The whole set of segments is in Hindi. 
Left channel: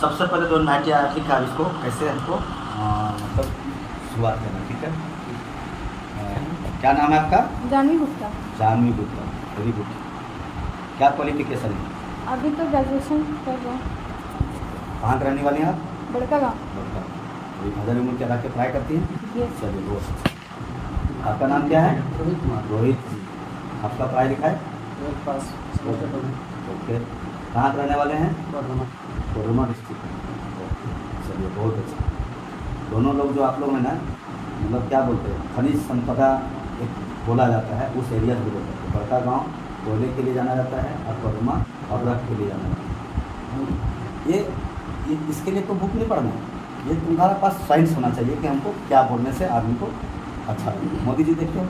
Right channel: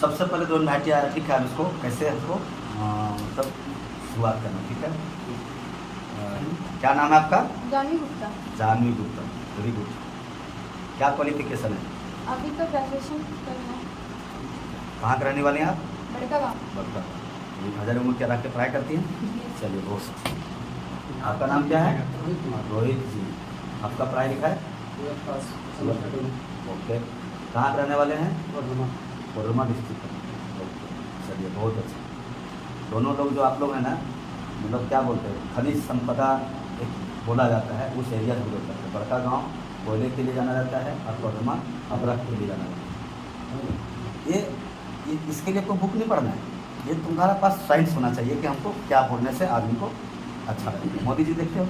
सबसे पहले जो नाइटिया ठीक है, इसको कैसे हमको मतलब शुरुआत करना, ठीक है। क्या नाम है आपका? जानवी गुप्ता। Janvi Gupta, very good. क्या क्वालिफिकेशन है? अभी तो ग्रेजुएशन कर रहे हैं। कहाँ के रहने वाली हैं आप? बड़का गाँव। बड़का। अभी भजन में क्या रख के पढ़ाई करती हैं? Yes। चलिए बहुत अच्छा। आपका नाम क्या है? रोहित जी। आपका पढ़ाई लिखा है? ओके। कहाँ के रहने वाले हैं? कोरमा डिस्ट्रिक्ट। चलिए बहुत अच्छा। दोनों लोग जो आप लोग हैं ना, मतलब क्या बोलते हैं, खनिज संपदा एक बोला जाता है, उस एरिया से बोलते हैं। बड़का गांव कोयले के लिए जाना जाता है और कोरमा अबरख के लिए जाना जाता है। ये इसके लिए तो बुक नहीं पढ़ना है, ये तुम्हारे पास साइंस होना चाहिए कि हमको क्या बोलने से आदमी को अच्छा लगे। मोदी जी देखिए,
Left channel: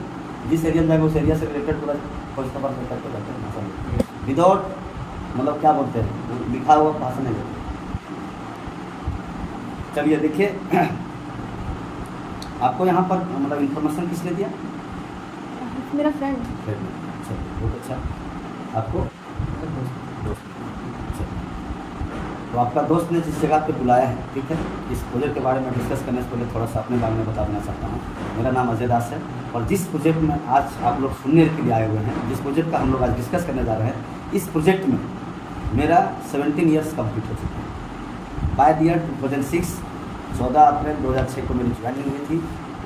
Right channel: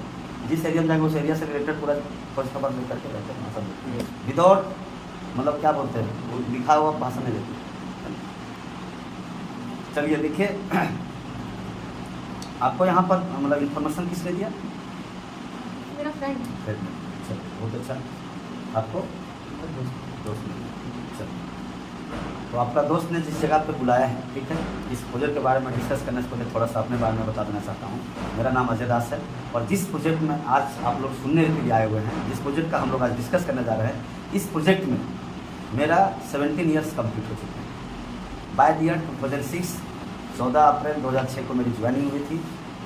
जिस एरिया में जाएंगे उस एरिया से रिलेटेड पूरा फर्स्ट खबर लेकर के जाते हैं, विदाउट मतलब क्या बोलते हैं, लिखा हुआ भाषण में लेते हैं। चलिए देखिए, आपको यहाँ पर मतलब इन्फॉर्मेशन किसने दिया? मेरा फ्रेंड। चलिए बहुत अच्छा। आपको दोस्त। तो आपका दोस्त ने जिस जगह पे बुलाया है, ठीक है, इस प्रोजेक्ट के बारे में डिस्कस करने से पहले थोड़ा सा अपने बारे में बता देना चाहता हूँ। मेरा नाम अजय दास है और जिस प्रोजेक्ट में आज आप लोग सुनने के लिए आए हुए हैं, जिस प्रोजेक्ट का हम लोग आज डिस्कस करने जा रहे हैं, इस प्रोजेक्ट में मेरा 17 ईयर्स कंप्लीट हो चुका है। बाय द ईयर 2006, 14 अप्रैल 2006 को मेरी ज्वाइनिंग हुई थी।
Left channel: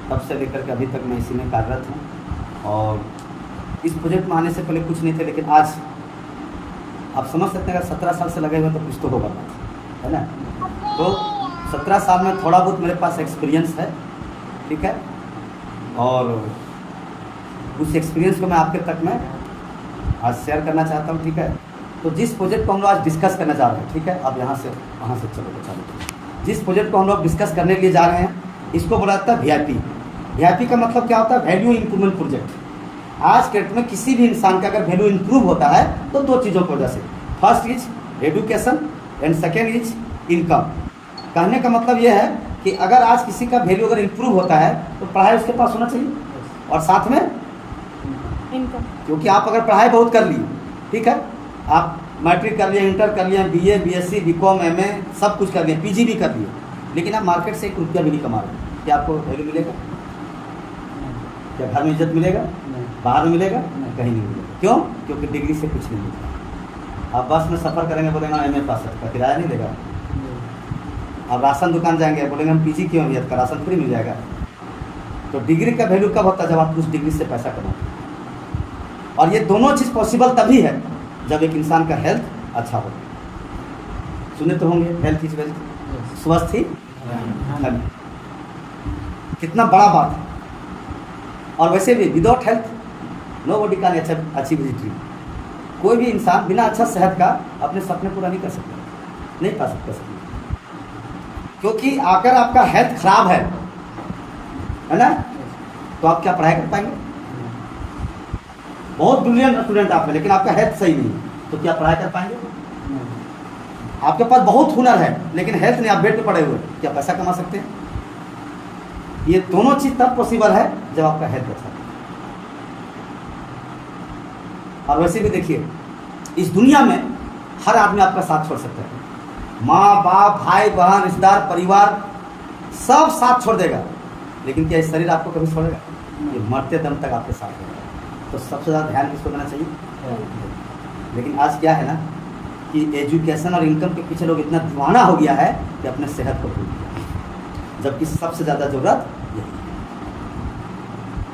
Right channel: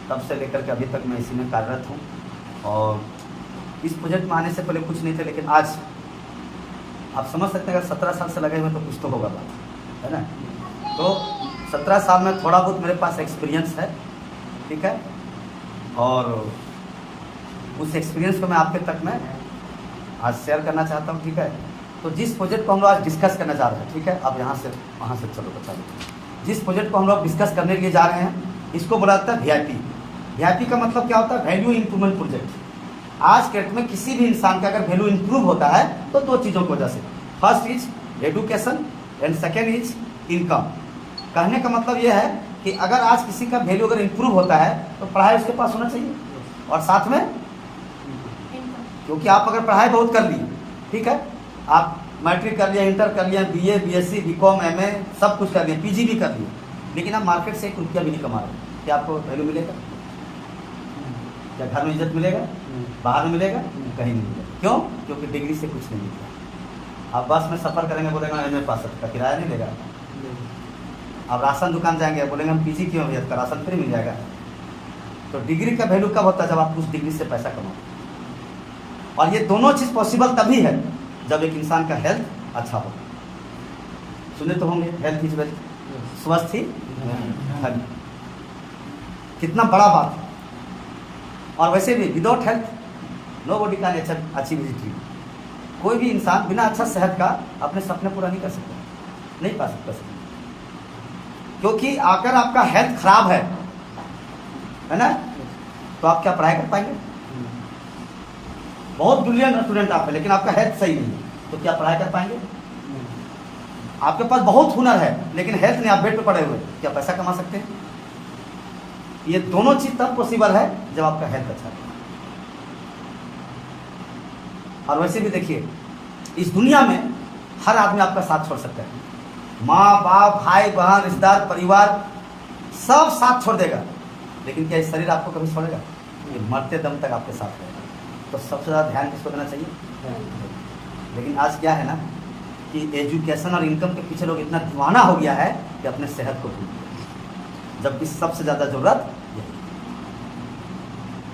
तब से लेकर के अभी तक मैं इसी में कार्यरत हूँ। और इस प्रोजेक्ट में आने से पहले कुछ नहीं थे, लेकिन आज आप समझ सकते हैं अगर 17 साल से लगे हुए तो कुछ तो होगा, है ना। तो 17 साल में थोड़ा बहुत मेरे पास एक्सपीरियंस है, ठीक है, और उस एक्सपीरियंस को मैं आपके तक में आज शेयर करना चाहता हूँ, ठीक है। तो जिस प्रोजेक्ट को हम लोग आज डिस्कस करने जा रहे हैं, ठीक है, अब यहाँ से वहाँ से चलो बचा लो। जिस प्रोजेक्ट को हम लोग डिस्कस करने के लिए जा रहे हैं, इसको बोला जाता है VIP। VIP का मतलब क्या होता है? Value improvement project. आज के डेट में किसी भी इंसान का अगर वैल्यू इंप्रूव होता है तो दो चीज़ों की वजह से, first is education and second is income. कहने का मतलब यह है कि अगर आज किसी का वैल्यू अगर इंप्रूव होता है तो पढ़ाई उसके पास होना चाहिए और साथ में इनकम। क्योंकि आप अगर पढ़ाई बहुत कर लिए, ठीक है, आप मैट्रिक कर लिए, इंटर कर लिए, BA BSc BCom MA सब कुछ कर लिए, PG भी कर लिए, लेकिन आप मार्केट से 1 रुपया भी नहीं कमा रहे, क्या आपको वैल्यू मिलेगा? क्या घर में इज्जत मिलेगा? बाहर में मिलेगा? कहीं नहीं मिलेगा। क्यों? क्योंकि डिग्री से कुछ नहीं मिलता। आप बस में सफर करेंगे, बोलेंगे MA पास का किराया नहीं देगा। आप राशन दुकान जाएंगे, बोलेंगे हम PG क्यों, का राशन फ्री मिल जाएगा। तो डिग्री का वैल्यू कब होता है? जब आप उस डिग्री से पैसा कमाते हैं। और ये दोनों चीज पॉसिबल तभी है जब एक इंसान का हेल्थ अच्छा हो। सुने तो होंगे, हेल्थ इज वेल्थ, स्वस्थ ही धन। कितना बड़ा बात है। और वैसे भी without health nobody can achieve his dream. कोई भी इंसान बिना अच्छा सेहत का अपने सपने पूरा नहीं कर सकता, नहीं पा सकता सपने। क्योंकि अगर आपका हेल्थ खराब है ना, तो आप क्या पढ़ाई कर पाएंगे? बहुत ब्रिलियंट स्टूडेंट आप है, लेकिन आपका हेल्थ सही नहीं है, तो क्या पढ़ाई कर पाएंगे? आपके पास बहुत हुनर है, लेकिन हेल्थ नहीं, आप बेड पे पड़े हुए, क्या पैसा कमा सकते हैं? ये दोनों चीज तब पॉसिबल है जब आपका हेल्थ अच्छा है। और वैसे भी देखिए, इस दुनिया में हर आदमी आपका साथ छोड़ सकता है। माँ बाप, भाई बहन, रिश्तेदार, परिवार सब साथ छोड़ देगा, लेकिन क्या इस शरीर आपको कभी छोड़ेगा? ये मरते दम तक आपके साथ रहेगा। तो सबसे ज्यादा ध्यान किसको देना चाहिए? लेकिन आज क्या है ना कि एजुकेशन और इनकम के पीछे लोग इतना दीवाना हो गया है कि अपने सेहत को भूल गया, जबकि सबसे ज्यादा जरूरत यही।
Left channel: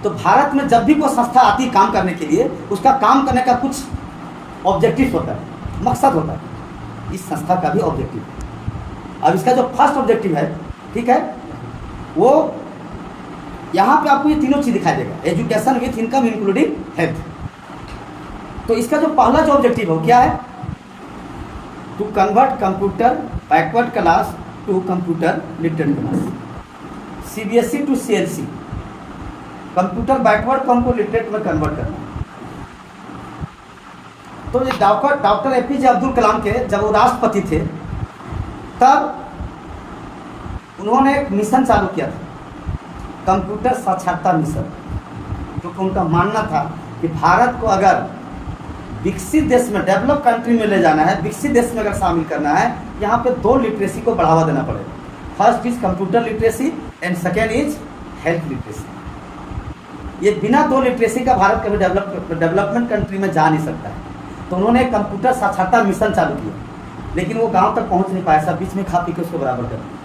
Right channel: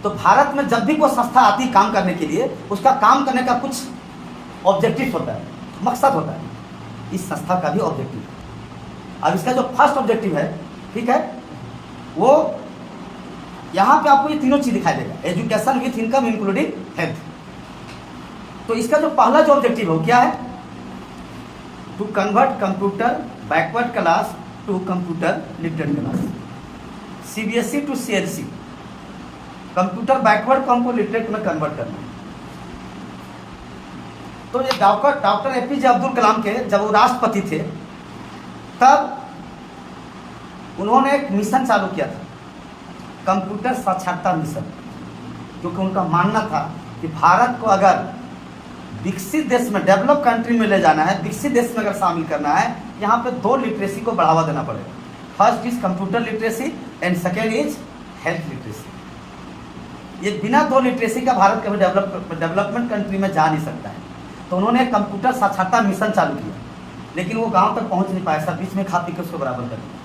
तो भारत में जब भी कोई संस्था आती है काम करने के लिए, उसका काम करने का कुछ ऑब्जेक्टिव होता है, मकसद होता है। इस संस्था का भी ऑब्जेक्टिव है। अब इसका जो फर्स्ट ऑब्जेक्टिव है, ठीक है, वो यहां पे आपको ये तीनों चीज दिखाई देगा, education with income including health. तो इसका जो पहला जो ऑब्जेक्टिव है क्या है? To convert computer backward class to computer literate class, CBSE to CLC, computer backward को हमको लिटरेट में कन्वर्ट करना है। तो ये डॉक्टर APJ अब्दुल कलाम के जब वो राष्ट्रपति थे, तब उन्होंने एक मिशन चालू किया था, कंप्यूटर साक्षरता मिशन, क्योंकि उनका मानना था कि भारत को अगर विकसित देश में, डेवलप कंट्री में ले जाना है, विकसित देश में अगर शामिल करना है, यहाँ पे 2 लिटरेसी को बढ़ावा देना पड़ेगा। First is computer literacy and second is health literacy. ये बिना 2 लिटरेसी का भारत कभी डेवलपमेंट कंट्री में जा नहीं सकता है। तो उन्होंने कंप्यूटर साक्षरता मिशन चालू किया, लेकिन वो गांव तक पहुंच नहीं पाया, सब बीच में खा पी के उसको बराबर कर दिया।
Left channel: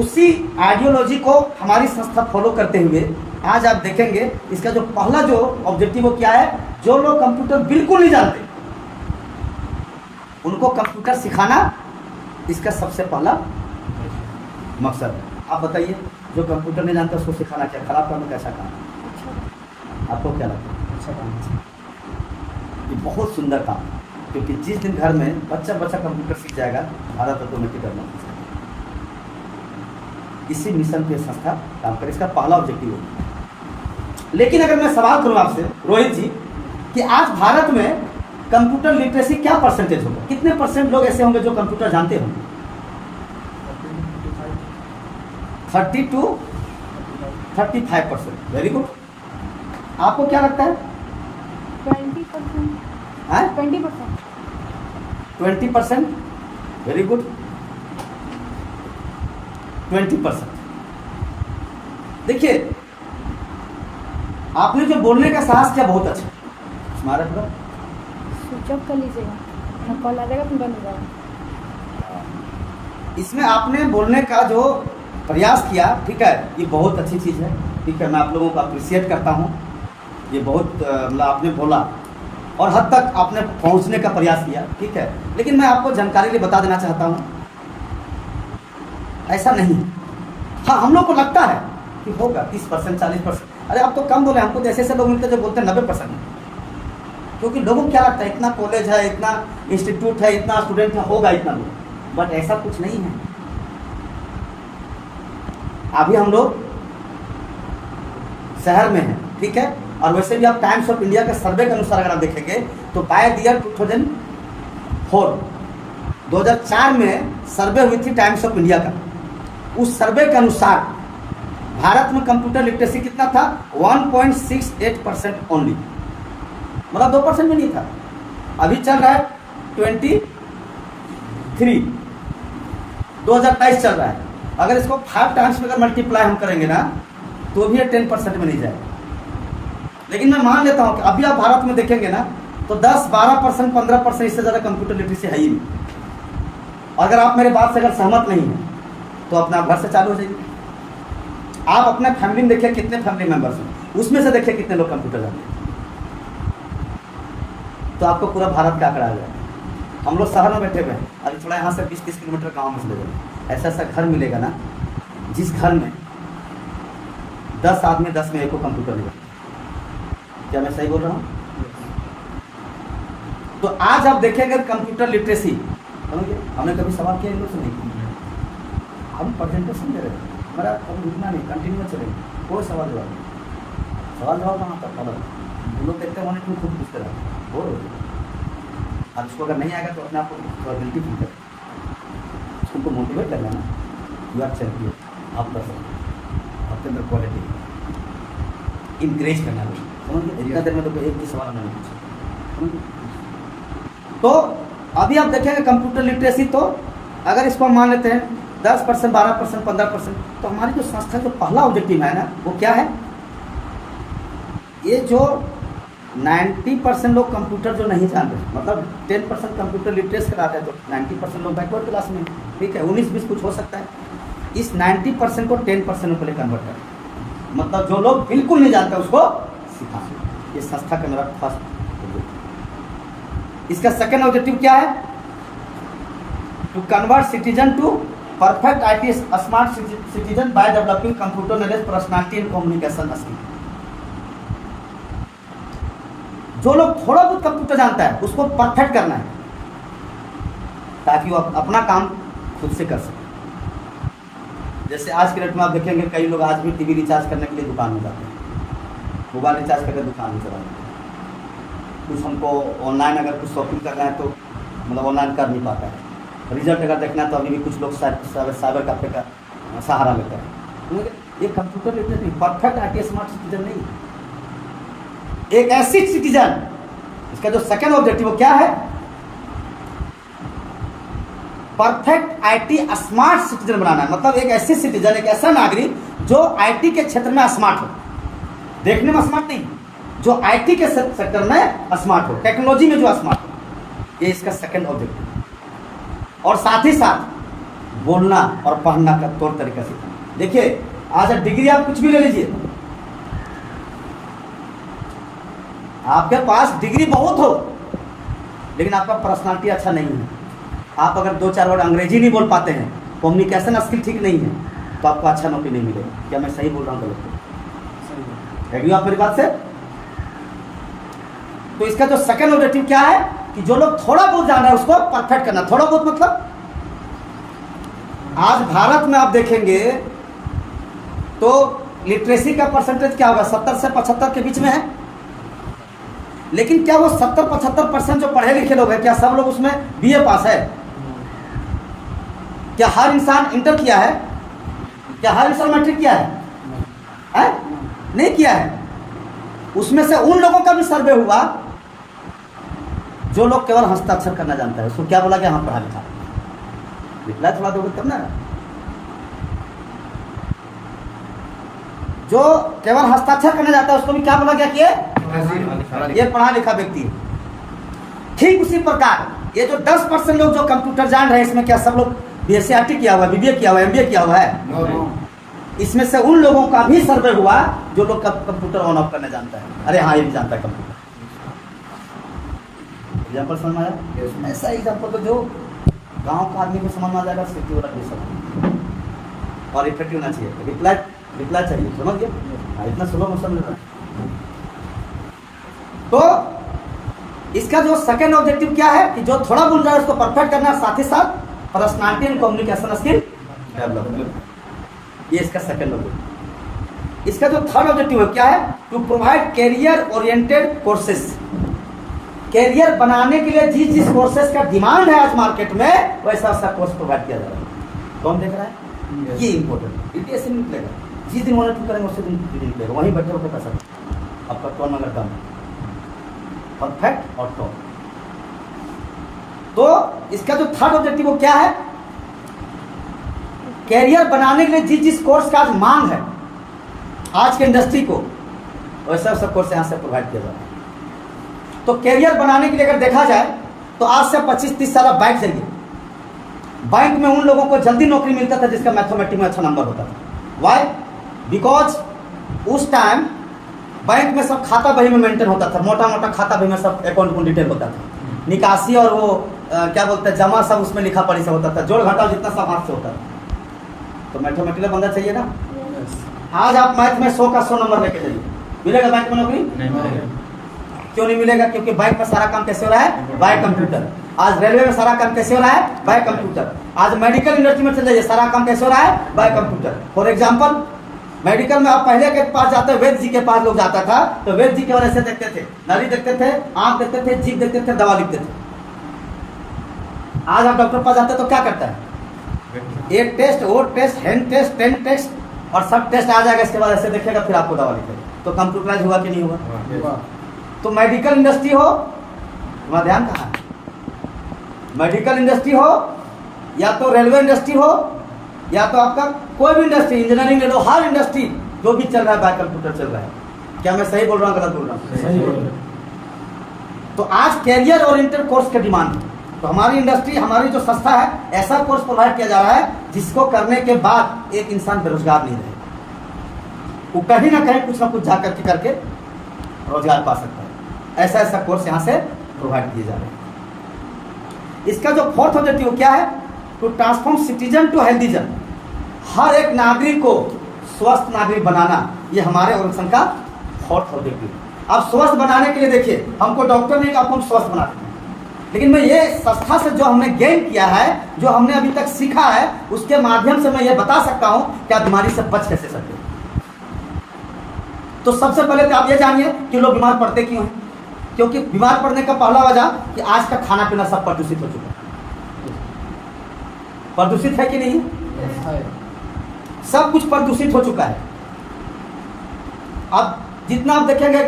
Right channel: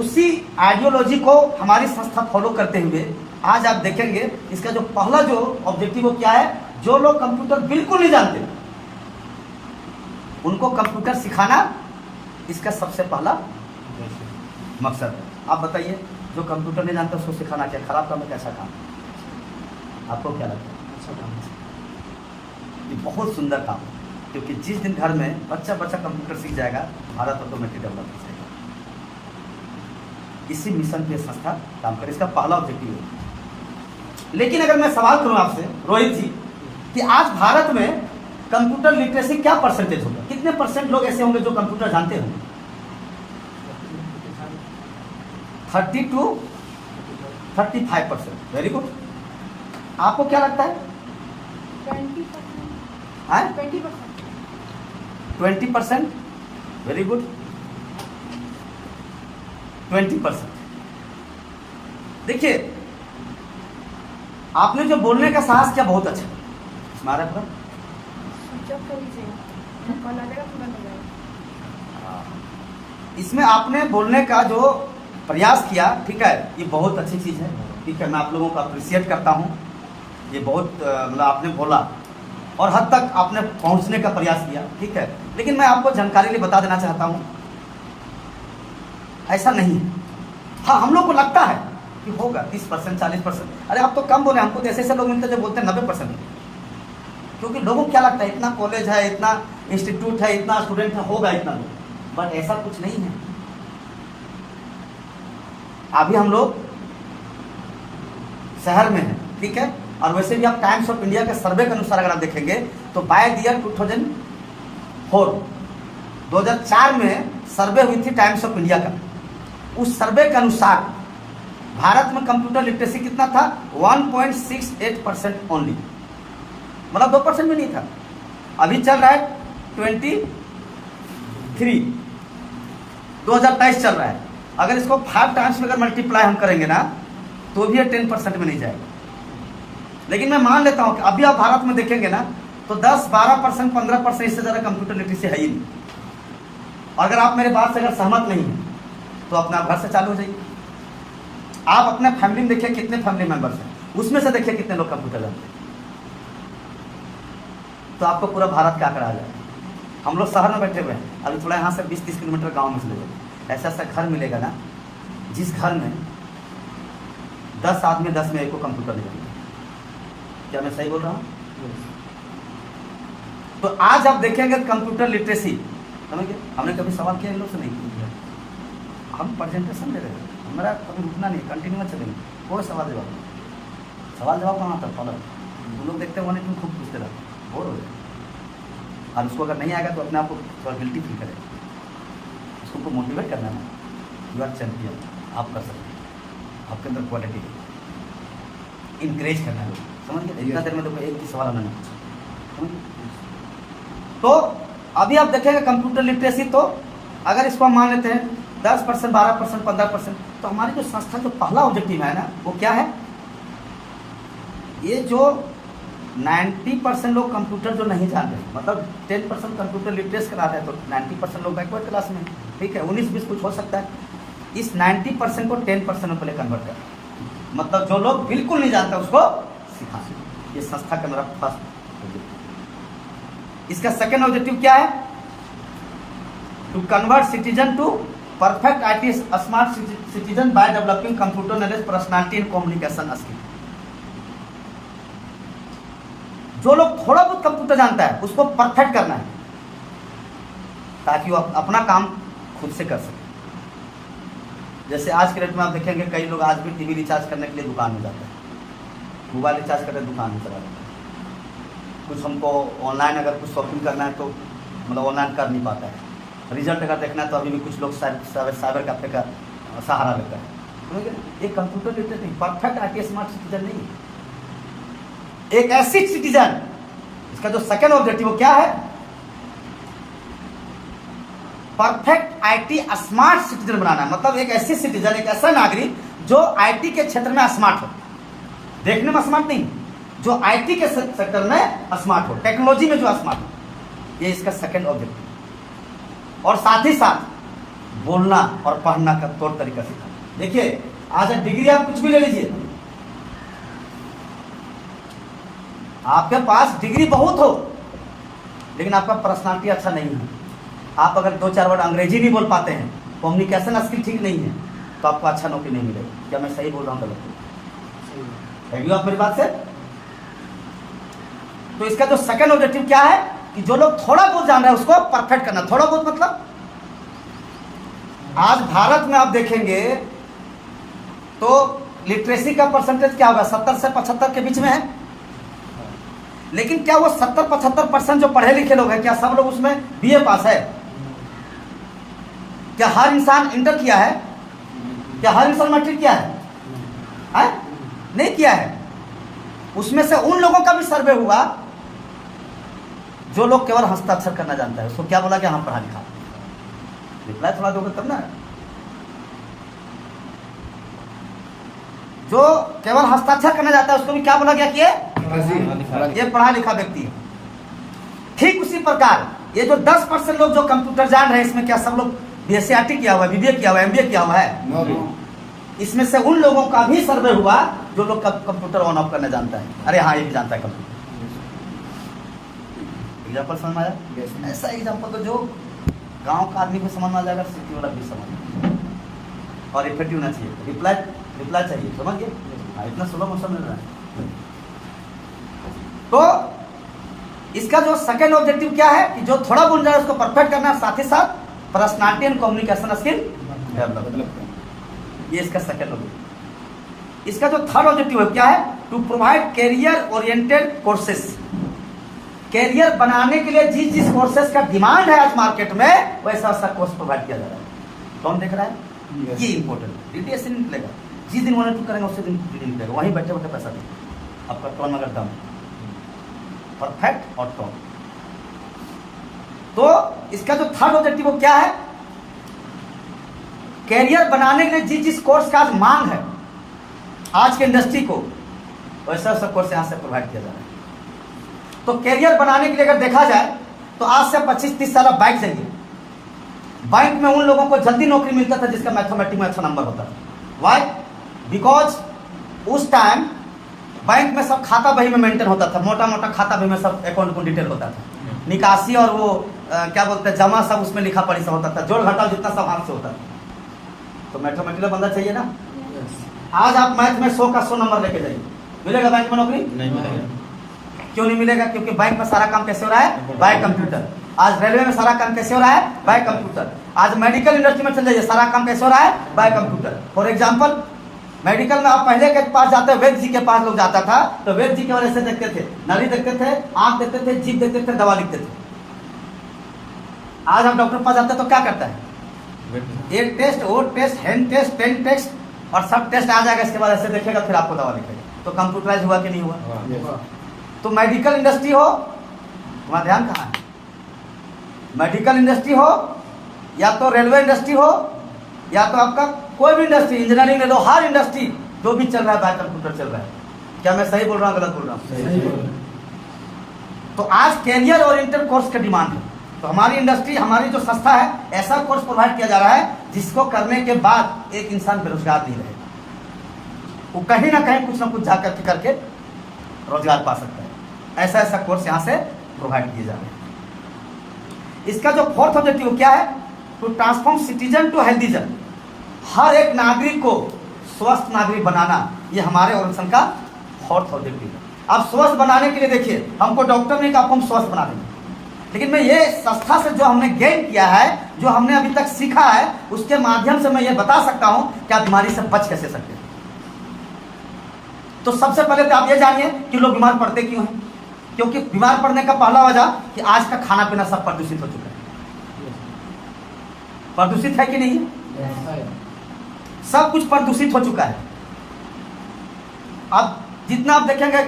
उसी आइडियोलॉजी को हमारी संस्था फॉलो करते हुए आज आप देखेंगे इसका जो पहला जो ऑब्जेक्टिव वो क्या है, जो लोग कंप्यूटर बिल्कुल नहीं जानते उनको कंप्यूटर सिखाना इसका सबसे पहला मकसद है। आप बताइए, जो कंप्यूटर नहीं जानता उसको सिखाना क्या खराब काम है, कैसा काम? आपको क्या लगता है? अच्छा काम है, ये बहुत सुंदर काम, क्योंकि जिस दिन घर में बच्चा कंप्यूटर सीख जाएगा, भारत ऑटोमेटिक डेवलप हो जाएगा। इसी मिशन पे संस्था काम करे, इसका पहला ऑब्जेक्टिव है। लेकिन अगर मैं सवाल करूं आपसे रोहित जी कि आज भारत में कंप्यूटर लिटरेसी क्या परसेंटेज होगा, कितने परसेंट लोग ऐसे होंगे जो कंप्यूटर जानते होंगे? 30 to 35%। Very good. आपको क्या लगता है? 20%। 20%। Very good. 20%। देखिए, आपने जो बोलने का साहस किया बहुत अच्छा, हमारा पूरा स्विच ऑफ कर लीजिए, कॉल आ जाएगा तो बंद हो जाएगा। इसमें आपने बोलने का जो प्रयास किया, ठीक है, ये बहुत अच्छी चीज है, ठीक है, मैं आप लोगों को अप्रिशिएट करता हूं। ये बहुत मतलब आपने बोला और हद तक आपने पहुंचने का प्रयास किया, ठीक है। लेकिन मैं आपको जानकारी लिए बता देना चाहता हूं, ऐसा नहीं है। हाँ, हम लोग को लगता है कि होगा 30%, 40%। अरे आप तो कम बोले, हमको तो ऐसे लोग मिलते हैं जो बोलते हैं 90%, क्योंकि लोगों को क्या लगता है इतना कॉलेज है, इतना इंस्टीट्यूट है, इतना स्टूडेंट है, होगा इतना लोग, बट ऐसा कुछ नहीं है। अभी हम लोग शहर में हैं, ठीक है, और वैसे भी आप टाइम्स ऑफ इंडिया के सर्वे के अनुसार अगर आप देखेंगे तो बाय द ईयर 2004 में सर्वे हुई थी टाइम्स ऑफ इंडिया का। उस सर्वे के अनुसार भारत में कंप्यूटर लिटरेसी कितना था? 1.68% ओनली, मतलब 2% में नहीं था। अभी चल रहा है 23, 2023 चल रहा है। अगर इसको 5 टाइम्स में अगर मल्टीप्लाई हम करेंगे ना, तो भी 10% में नहीं जाएगा। लेकिन मैं मान लेता हूं कि अभी आप भारत में देखेंगे ना, तो 10, 12%, 15% इससे ज्यादा कंप्यूटर लिटरेसी है ही नहीं। अगर आप मेरे बात से अगर सहमत नहीं है तो अपने आप घर से चालू हो जाइए। आप अपने फैमिली में देखिए कितने फैमिली मेंबर्स हैं, उसमें से देखिए कितने लोग कंप्यूटर जानते हैं, तो आपको पूरा भारत का आंकड़ा आ जाएगा। हम लोग शहर में बैठे हुए हैं, अभी थोड़ा यहाँ से 20-30 किलोमीटर गाँव में चले जाएंगे, ऐसा ऐसा घर मिलेगा ना जिस घर में 10 आदमी 10 में एक को कंप्यूटर नहीं जानते। क्या मैं सही बोल रहा हूँ? तो आज आप देखेंगे कंप्यूटर लिटरेसी, समझिए, हमने कभी सवाल किया इन लोग से नहीं किया, हम प्रेजेंटेशन दे रहे हैं, हमारा कभी रुकना नहीं, कंटिन्यू में चलेंगे, कोई सवाल जवाब कहाँ आता फॉलो। लोग देखते हैं तुम खूब पूछते रहते बोर हो जाए, और उसको अगर नहीं आएगा तो अपने आप को थोड़ा गिल्टी फील करें, उसको मोटिवेट करना है, यू आर चैंपियन, आप कर सकते, आपके अंदर क्वालिटी इंकरेज करना है। समझिए, इतना देर में तो एक भी सवाल नहीं पूछा। तो अभी आप देखेंगे कंप्यूटर लिटरेसी, तो अगर इसको हम मान लेते हैं 10%, 12%, 15%, तो हमारी जो संस्था जो पहला ऑब्जेक्टिव है ना, वो क्या है? ये जो 90% लोग कंप्यूटर जो नहीं जान रहे, मतलब 10% कंप्यूटर लिटरेस करा रहे हैं, तो 90% लोग बैकवर्ड क्लास में, ठीक है, 19-20 कुछ हो सकता है। इस 90% को 10% में पहले कन्वर्ट कर, मतलब जो लोग बिल्कुल नहीं जानता उसको सिखा। ये संस्था का मेरा फर्स्ट ऑब्जेक्टिव। इसका सेकंड ऑब्जेक्टिव क्या है? To convert citizen to perfect IT smart citizen by developing computer knowledge, personality and communication skill. जो लोग थोड़ा बहुत कंप्यूटर जानता है उसको परफेक्ट करना है, ताकि वो अपना काम खुद से कर सके। जैसे आज के डेट में आप देखेंगे कई लोग आज भी टीवी रिचार्ज करने के लिए दुकान में जाते हैं, मोबाइल रिचार्ज करने दुकान में चला जाते हैं। कुछ हमको ऑनलाइन अगर कुछ शॉपिंग करना है तो मतलब ऑनलाइन कर नहीं पाता है। रिजल्ट अगर देखना है तो अभी भी कुछ लोग साइबर कैफे का सहारा लेते हैं। ये कंप्यूटर लिटरेसी नहीं, परफेक्ट IT स्मार्ट सिटीजन नहीं, एक ऐसी सिटीजन इसका जो सेकंड ऑब्जेक्टिव वो क्या है? परफेक्ट आईटी स्मार्ट सिटीजन बनाना है। मतलब एक ऐसी सिटीजन, एक ऐसा नागरिक जो आईटी के क्षेत्र में स्मार्ट हो, देखने में स्मार्ट नहीं, जो आईटी के सेक्टर में स्मार्ट हो, टेक्नोलॉजी में जो स्मार्ट हो, ये इसका सेकंड ऑब्जेक्टिव। और साथ ही साथ बोलना और पढ़ना का तौर तरीका सीखना। देखिए आज डिग्री आप कुछ भी ले लीजिए, आपके पास डिग्री बहुत हो लेकिन आपका पर्सनालिटी अच्छा नहीं है, आप अगर 2-4 वर्ड अंग्रेजी नहीं बोल पाते हैं, कम्युनिकेशन स्किल ठीक नहीं है, तो आपको अच्छा नौकरी नहीं मिलेगी। क्या मैं सही बोल रहा हूँ गलत? एग्री आप मेरी बात से? तो इसका जो सेकंड ऑब्जेक्टिव क्या है कि जो लोग थोड़ा बहुत जान रहे हैं उसको परफेक्ट करना। थोड़ा बहुत मतलब आज भारत में आप देखेंगे तो लिटरेसी का परसेंटेज क्या होगा? 70 से 75 के बीच में है। लेकिन क्या वो 70-75% जो पढ़े लिखे लोग हैं, क्या सब लोग उसमें बीए पास है? क्या हर इंसान इंटर किया है? क्या हर इंसान मैट्रिक किया है? नहीं किया है। उसमें से उन लोगों का भी सर्वे हुआ जो लोग केवल हस्ताक्षर करना जानता है। उसको क्या बोला गया? हाँ पढ़ा लिखा। रिप्लाई थोड़ा दोगे तब ना। जो केवल हस्ताक्षर करना चाहता है उसको भी क्या बोला गया कि ये पढ़ा लिखा व्यक्ति है। ठीक उसी प्रकार ये जो 10% लोग जो कंप्यूटर जान रहे हैं, इसमें क्या सब लोग बीएससी किया हुआ है, बीबीए किया हुआ है, एमबीए किया हुआ है? इसमें से उन लोगों का भी सर्वे हुआ जो लोग कंप्यूटर ऑन ऑफ करना जानता है। अरे हाँ ये भी जानता है कंप्यूटर। एग्जाम्पल समझ में आया? ऐसा एग्जाम्पल तो जो गांव का आदमी को समझ में आ जाएगा, सिटी वाला भी समझ। और इफेक्टिव होना चाहिए, रिप्लाई चाहिए, समझ गए? इतना सुलभ मौसम मिल रहा है। तो इसका जो सेकंड ऑब्जेक्टिव क्या है कि जो थोड़ा बोल रहा है उसको परफेक्ट करना, साथ ही साथ personality and communication skill develop करना। ये इसका सेकंड ऑब्जेक्टिव। इसका जो थर्ड ऑब्जेक्टिव है क्या है? To provide career oriented courses. Career बनाने के लिए जिस कोर्सेज का डिमांड है आज मार्केट में, वैसा ऐसा कोर्स प्रोवाइड किया जा रहा है। कौन देख रहा है? ये इंपॉर्टेंट। डीटीएस नहीं निकलेगा, जिस दिन मॉनिटर करेंगे उसी दिन निकलेगा, वहीं बैठे बैठे पैसा देगा। आपका टोन अगर दम परफेक्ट और टोन। तो इसका जो थर्ड ऑब्जेक्टिव वो क्या है? कैरियर बनाने के लिए जिस कोर्स का आज मांग है आज के इंडस्ट्री को, वैसा सब कोर्स यहां से प्रोवाइड किया जा रहा है। तो कैरियर बनाने के लिए अगर देखा जाए तो आज से 25-30 साल आप बैंक जाइए, बैंक में उन लोगों को जल्दी नौकरी मिलता था जिसका मैथमेटिक्स में अच्छा नंबर होता था। वाई? बिकॉज उस टाइम बैंक में सब खाता बही में मेंटेन होता था, मोटा मोटा खाता बही में सब अकाउंट को डिटेल होता था, निकासी और वो क्या बोलते हैं जमा सब उसमें लिखा पढ़ी से होता था, जोड़ घटाव जितना सब हाथ से होता था। तो मैथमेटिकल बंदा चाहिए ना। आज आप मैथ में 100 का 100 नंबर लेके जाइए, मिलेगा बैंक में नौकरी? नहीं मिलेगा। क्यों नहीं मिलेगा? क्योंकि बैंक में सारा काम कैसे हो रहा है? Bye computer. आज रेलवे में सारा काम कैसे हो रहा है? Bye computer. आज मेडिकल इंडस्ट्री में चल जाइए, सारा काम कैसे हो रहा है? Bye computer. For example medical में आप पहले के पास जाते, वैद्य जी के पास लोग जाता था तो वैद्य जी केवल ऐसे देखते थे, नाली देखते थे, आंख देखते थे, जीभ देखते थे, दवा लिखते थे। आज आप डॉक्टर पास जाते तो क्या करता है? एक टेस्ट, वो test, hand test, pen test और सब टेस्ट आ जाएगा, इसके बाद ऐसे देखेगा फिर आपको दवा लिखेगा। तो कंप्यूटराइज हुआ कि नहीं हुआ? तो मेडिकल इंडस्ट्री हो, तुम्हारा ध्यान कहाँ है? मेडिकल इंडस्ट्री हो या तो रेलवे इंडस्ट्री हो या तो आपका कोई भी इंडस्ट्री, इंजीनियरिंग ले लो, हर इंडस्ट्री जो भी चल रहा है बाय कंप्यूटर चल रहा है। क्या मैं सही बोल रहा हूँ गलत बोल रहा हूँ? तो आज कैरियर ओरिएंटेड कोर्स का डिमांड है। तो हमारी इंडस्ट्री, हमारी जो संस्था है, ऐसा कोर्स प्रोवाइड किया जा रहा है जिसको करने के बाद एक इंसान बेरोजगार नहीं रहेगा, वो कहीं ना कहीं कुछ ना कुछ जाकर के करके रोजगार पा सकता है। ऐसा ऐसा कोर्स यहाँ से प्रोवाइड किए जा रहे हैं। इसका जो फोर्थ ऑब्जेक्टिव क्या है? To transform citizen to healthizen. हर एक नागरिक को स्वस्थ नागरिक बनाना, ये हमारे ऑर्गेनाइजेशन का फोर्थ ऑब्जेक्टिव है। अब स्वस्थ बनाने के लिए देखिए, हमको डॉक्टर नहीं, आपको हम स्वस्थ बना देंगे, लेकिन मैं ये संस्था से जो हमने गेन किया है, जो हमने अभी तक सीखा है, उसके माध्यम से मैं ये बता सकता हूं कि आप बीमारी से बच कैसे सकते हैं। तो सबसे पहले तो आप ये जानिए कि लोग बीमार पड़ते क्यों हैं। क्योंकि बीमार पड़ने का पहला वजह कि आज का खाना पीना सब प्रदूषित हो चुका है। प्रदूषित है कि नहीं? सब कुछ प्रदूषित हो चुका है। अब जितना आप देखेंगे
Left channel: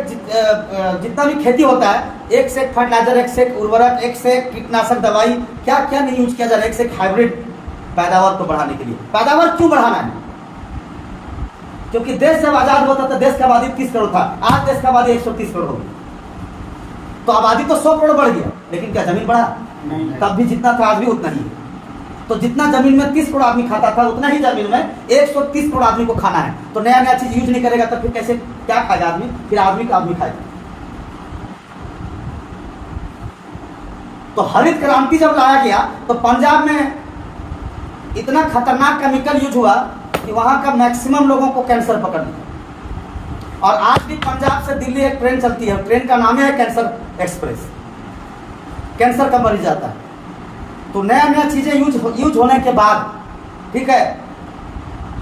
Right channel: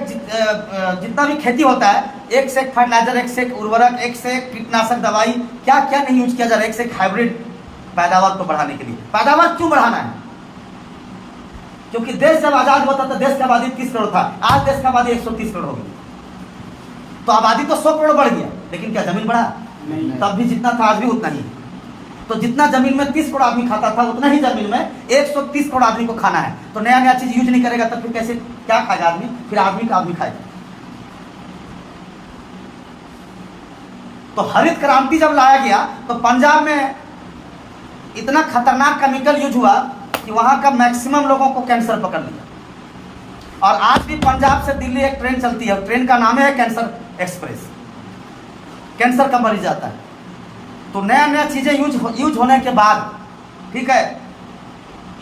जितना भी खेती होता है, एक से एक फर्टिलाइजर, एक से एक उर्वरक, एक से एक कीटनाशक दवाई, क्या क्या नहीं यूज किया जा रहा है, एक से एक हाइब्रिड पैदावार को बढ़ाने के लिए। पैदावार क्यों बढ़ाना है? क्योंकि देश जब आजाद होता था देश की आबादी 30 करोड़ था, आज देश की आबादी 130 करोड़ हो गई। तो आबादी तो 100 करोड़ बढ़ गया, लेकिन क्या जमीन बढ़ा? नहीं। तब भी जितना था आज भी उतना ही। तो जितना जमीन में 30 करोड़ आदमी खाता था, उतना ही जमीन में 130 करोड़ आदमी को खाना है। तो नया नया चीज यूज नहीं करेगा तो फिर कैसे, क्या खाएगा आदमी? फिर आदमी का आदमी खाएगा। तो हरित क्रांति जब लाया गया तो पंजाब में इतना खतरनाक केमिकल यूज हुआ कि वहां का मैक्सिमम लोगों को कैंसर पकड़ लिया। और आज भी पंजाब से दिल्ली एक ट्रेन चलती है, ट्रेन का नाम है कैंसर एक्सप्रेस। कैंसर का मरीज जाता है। तो नया नया चीजें यूज होने के बाद, ठीक है,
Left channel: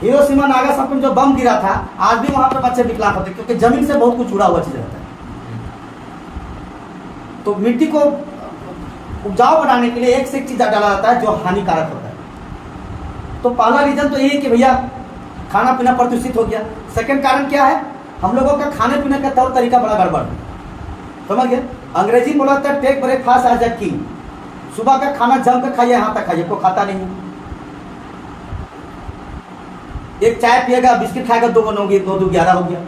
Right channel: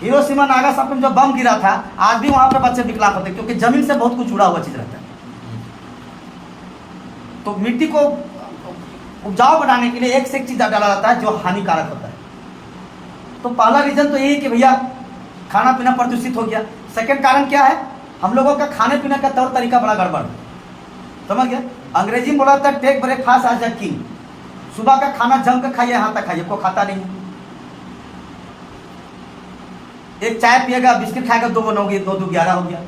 हिरोशिमा नागासाकी में जो बम गिरा था, आज भी वहां पर बच्चे विकलांग होते, क्योंकि जमीन से बहुत कुछ जुड़ा हुआ चीज रहता है। तो मिट्टी को उपजाऊ बनाने के लिए एक से एक चीज डाला जाता है जो हानिकारक होता है। तो पहला रीजन तो यही है कि भैया खाना पीना प्रदूषित हो गया। सेकंड कारण क्या है? हम लोगों का खाने पीने का तौर तरीका बड़ा गड़बड़, समझ गए? अंग्रेजी में बोला था take breakfast as a king. सुबह का खाना जम कर खाइए, यहां तक खाइए, कोई खाता नहीं है। एक चाय पिएगा, बिस्किट खाएगा, 2 2 11 हो गया।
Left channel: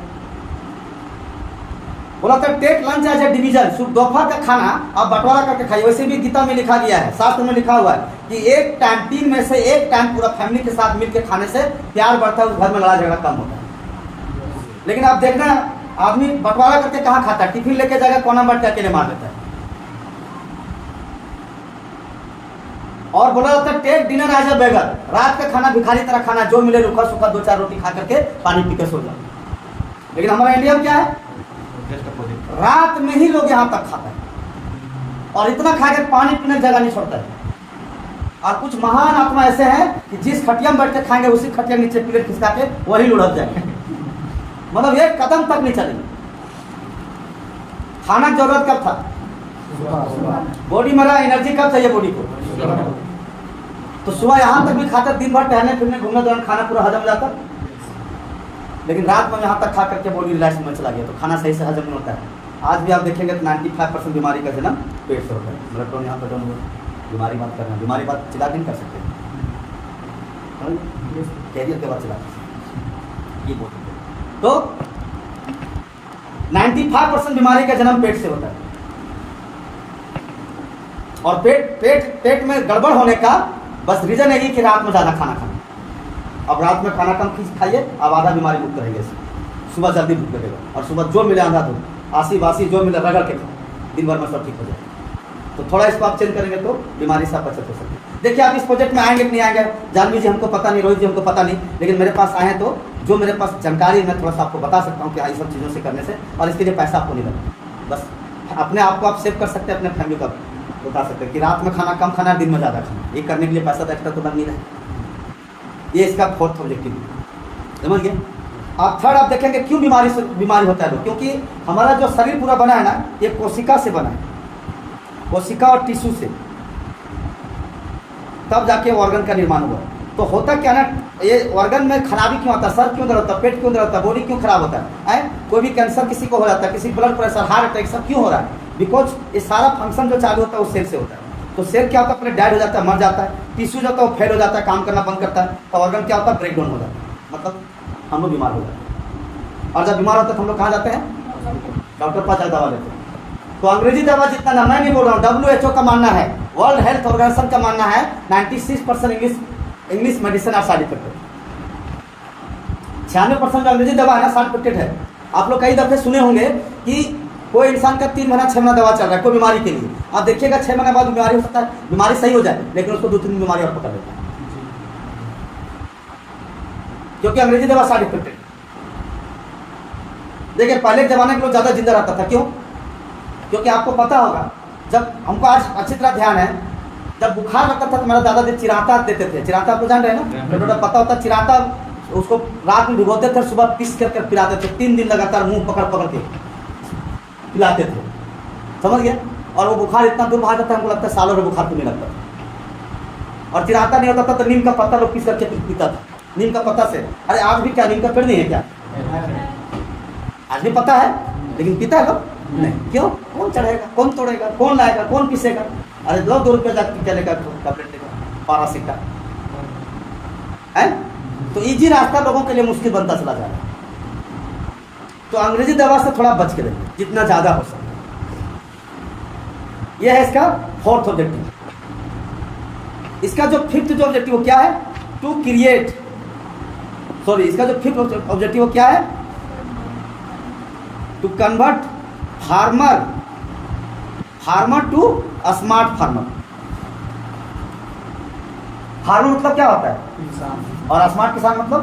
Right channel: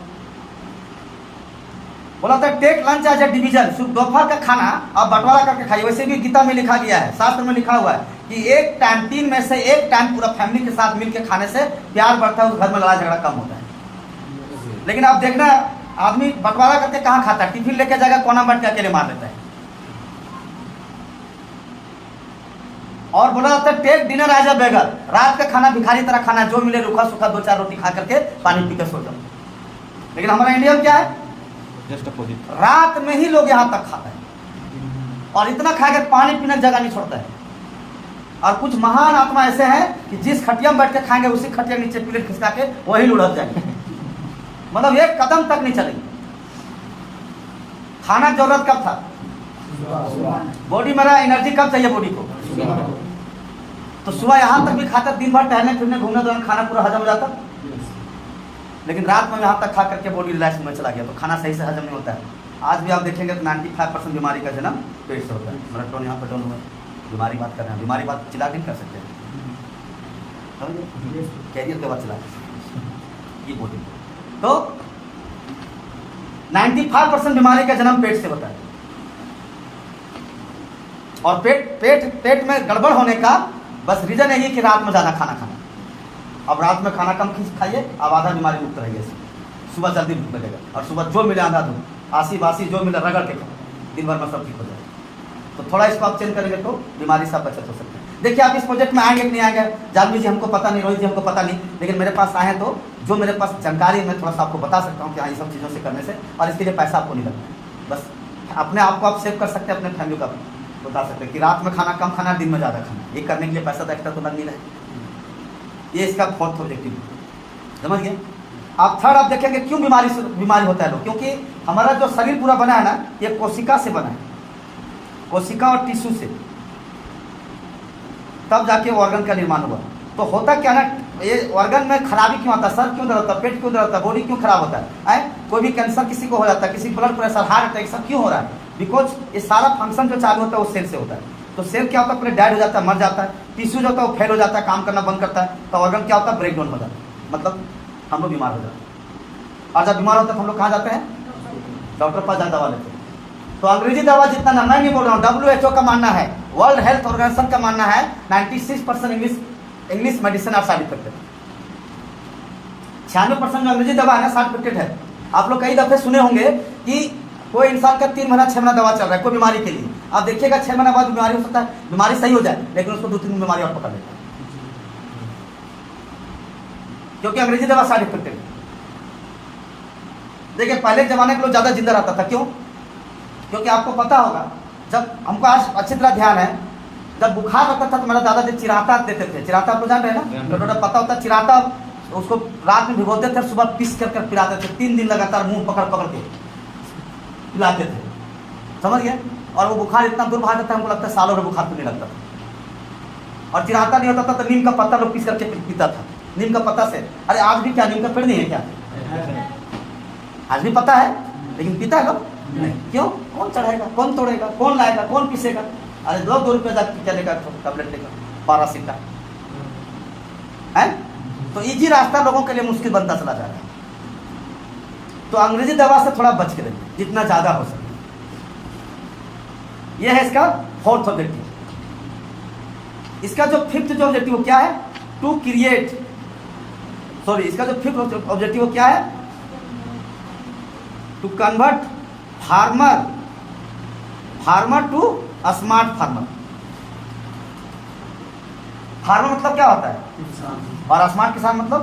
बोला था take lunch as a division. दोपहर का खाना आप बंटवारा करके खाइए। वैसे भी गीता में लिखा गया है, शास्त्र में लिखा हुआ है कि एक टाइम, 3 में से एक टाइम पूरा फैमिली के साथ मिलकर खाने से प्यार बढ़ता है, उस घर में लड़ाई झगड़ा कम होता है। लेकिन आप देखना आदमी बंटवारा करके कहाँ खाता है? टिफिन लेके जाएगा, कोना बैठ के अकेले मार लेता है। और बोला जाता है टेक डिनर एज अ बेगर। रात का खाना भिखारी तरह खाना, जो मिले रूखा सूखा 2-4 रोटी खा करके पानी पीकर सो जाओ। लेकिन हमारा इंडिया में क्या है? रात में ही लोग यहां तक खाते हैं और इतना खाकर पानी पीने की जगह नहीं छोड़ता है। और कुछ महान आत्मा ऐसे हैं कि जिस खटिया में बैठ के खाएंगे उसी खटिया नीचे प्लेट खिसका के वही लुढ़क जाएंगे। मतलब एक कदम तक नहीं चलेंगे। खाना की जरूरत कब था? बॉडी मेरा एनर्जी कब चाहिए बॉडी को? तो सुबह यहां तक भी खाते, दिन भर टहलने फिरने घूमने दौरान खाना पूरा हजम हो जाता, लेकिन रात में यहाँ तक खा करके बॉडी रिलैक्स में चला गया तो खाना सही से हजम नहीं होता है। आज भी आप देखेंगे तो 95% बीमारी का जन्म पेट से होता है। मेरा टोन यहाँ पर डाउन हुआ, बीमारी बात कर रहे हैं, बीमारी बात चिल्ला नहीं कर सकते, कैरियर के बाद चिल्ला ये बोलते। तो 95% बीमारी का जन्म पेट से होता है। और पेट में गड़बड़ होने का बस रीजन यही कि रात में ज्यादा खाना खाना। अब रात में खाना कम खाइए, अब आधा बीमारी मुक्त रहिए। सुबह जल्दी भूख लगेगा और सुबह जो मिले आधा दूध, आसी बासी जो मिले रगड़ के खाओ, दिन भर में सब ठीक हो जाएगा। तो थोड़ा इसको आप चेंज करेंगे तो बीमारी से बचत हो सकती है। देखिए आप इस प्रोजेक्ट में आएंगे कि नहीं आएंगे, जानवी जी हमको पता नहीं, रोहित जी हमको पता नहीं, लेकिन मेरे पास आए हैं तो जो मेरे पास जानकारी मैं थोड़ा सा आपको बता सकता हूँ कि हाँ, ये सब चीज़ों से करने से, और इसके लिए पैसा आपको नहीं लगता। बस अपने आप को आप सेव कर सकते हैं, अपने फैमिली को बता सकते हैं कि रात में खाना कम खाना, दिन में ज़्यादा खाना। ये करने के लिए पैसा तो एक्स्ट्रा तो लग नहीं रहा। ये इसका फोर्थ ऑब्जेक्टिव, समझ गए आप। थर्ड आप देखेंगे क्यों बीमारी होता है लोग, क्योंकि हमारा जो शरीर पूरा बना है ना, ये कोशिका से बना है, कोशिका और टिश्यू से, तब जाके ऑर्गन का निर्माण हुआ। तो होता क्या ना, ये ऑर्गन में खराबी क्यों आता है? सर क्यों दर्द होता है? पेट क्यों दर्द होता है? बॉडी क्यों खराब होता है? कोई भी कैंसर किसी को हो जाता है, किसी ब्लड प्रेशर, हार्ट अटैक, सब क्यों हो रहा है? बिकॉज ये सारा फंक्शन जो चालू होता है वो सेल से होता है। तो सेल क्या होता है? अपने डेड हो जाता है, मर जाता है। टिश्यू जो होता है वो फेल हो जाता है, काम करना बंद करता है। तो ऑर्गन क्या होता है? ब्रेक डाउन हो जाता है, मतलब हम लोग बीमार हो जाते हैं। और जब बीमार होता है तो हम लोग कहाँ जाते हैं? डॉक्टर पास जाकर दवा लेते हैं। तो अंग्रेजी दवा जितना ना, मैं नहीं बोल रहा हूँ, WHO का मानना है, वर्ल्ड हेल्थ ऑर्गेनाइजेशन का मानना है 96% English medicine are side effected. 96% जो अंग्रेजी दवा है ना, साइड इफेक्टेड है। आप लोग कई दफे सुने होंगे कि कोई इंसान का 3 महीना 6 महीना दवा चल रहा है कोई बीमारी के लिए, आप देखिएगा 6 महीने बाद बीमारी हो सकता है, बीमारी सही हो जाए, लेकिन उसको 2-3 बीमारी और पकड़ लेता है, क्योंकि अंग्रेजी दवा साइड इफेक्टेड। देखिए पहले के जमाने के लोग ज्यादा जिंदा रहता था, क्यों? क्योंकि आपको पता होगा, जब हमको आज अच्छी तरह ध्यान है, जब बुखार लगता था तो मेरा दादाजी चिराता देते थे। चिराता आपको जान रहे हैं ना, छोटा पता होता है चिराता, उसको रात में भिगोते थे, सुबह पीस कर पिलाते थे। 3 दिन लगातार मुंह पकड़ के पिलाते थे, समझ गए? और वो बुखार इतना दूर भाग जाता है, हमको लगता है सालों में बुखार तो नहीं लगता। और चिराता नहीं होता था तो नीम का पत्ता लोग पीस करके पीता था, नीम का पत्ता से। अरे आज भी क्या नीम का पेड़ नहीं है क्या? आज भी पता है, लेकिन पीता है लोग नहीं। क्यों? कौन चढ़ेगा, कौन तोड़ेगा, कौन लाएगा, कौन पीसेगा? अरे 2 रुपये जाकर क्या लेगा, टैबलेट लेगा, पैरासिटा है। तो इजी रास्ता लोगों के लिए मुश्किल बनता चला जा रहा है। तो अंग्रेजी दवा से थोड़ा बच के रहिए जितना ज्यादा हो सके। यह है इसका 4th ऑब्जेक्टिव। इसका जो 5th जो ऑब्जेक्टिव क्या है, टू क्रिएट, सॉरी इसका जो 5th ऑब्जेक्टिव क्या है, to convert farmer to smart farmer. Farmer मतलब क्या होता है, और स्मार्ट किसान मतलब,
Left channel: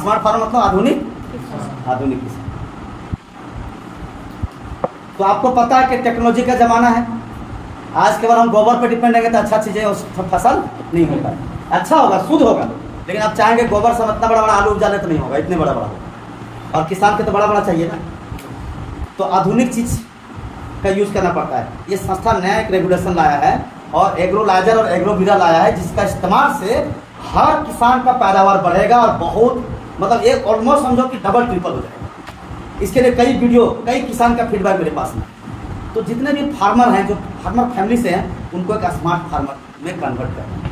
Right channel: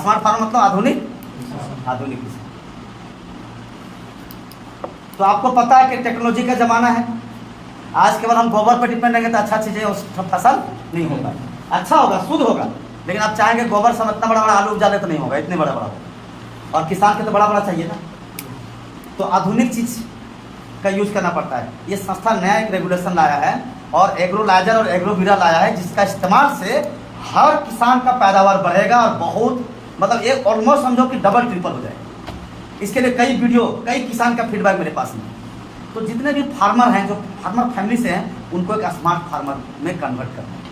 स्मार्ट फार्मर मतलब आधुनिक किसान। तो आपको पता है कि टेक्नोलॉजी का जमाना है। आज केवल हम गोबर पर डिपेंड रहेंगे तो अच्छा चीजें फसल नहीं होगा, अच्छा होगा, शुद्ध होगा। लेकिन आप चाहेंगे गोबर से हम इतना बड़ा बड़ा आलू उपजा दे तो नहीं होगा, इतने बड़ा बड़ा होगा। और किसान के तो बड़ा बड़ा चाहिए ना। तो आधुनिक चीज का यूज करना पड़ता है। ये संस्था नया एक रेगुलेशन लाया है और एग्रोलाइजर और एग्रोवीरा लाया है, जिसका इस्तेमाल से हर किसान का पैदावार बढ़ेगा और बहुत मतलब एक ऑलमोस्ट समझो कि डबल ट्रिपल हो जाएगा। इसके लिए कई वीडियो, कई किसान का फीडबैक मेरे पास में। तो जितने भी फार्मर हैं, जो फार्मर फैमिली से हैं, उनको एक स्मार्ट फार्मर में कन्वर्ट करना है।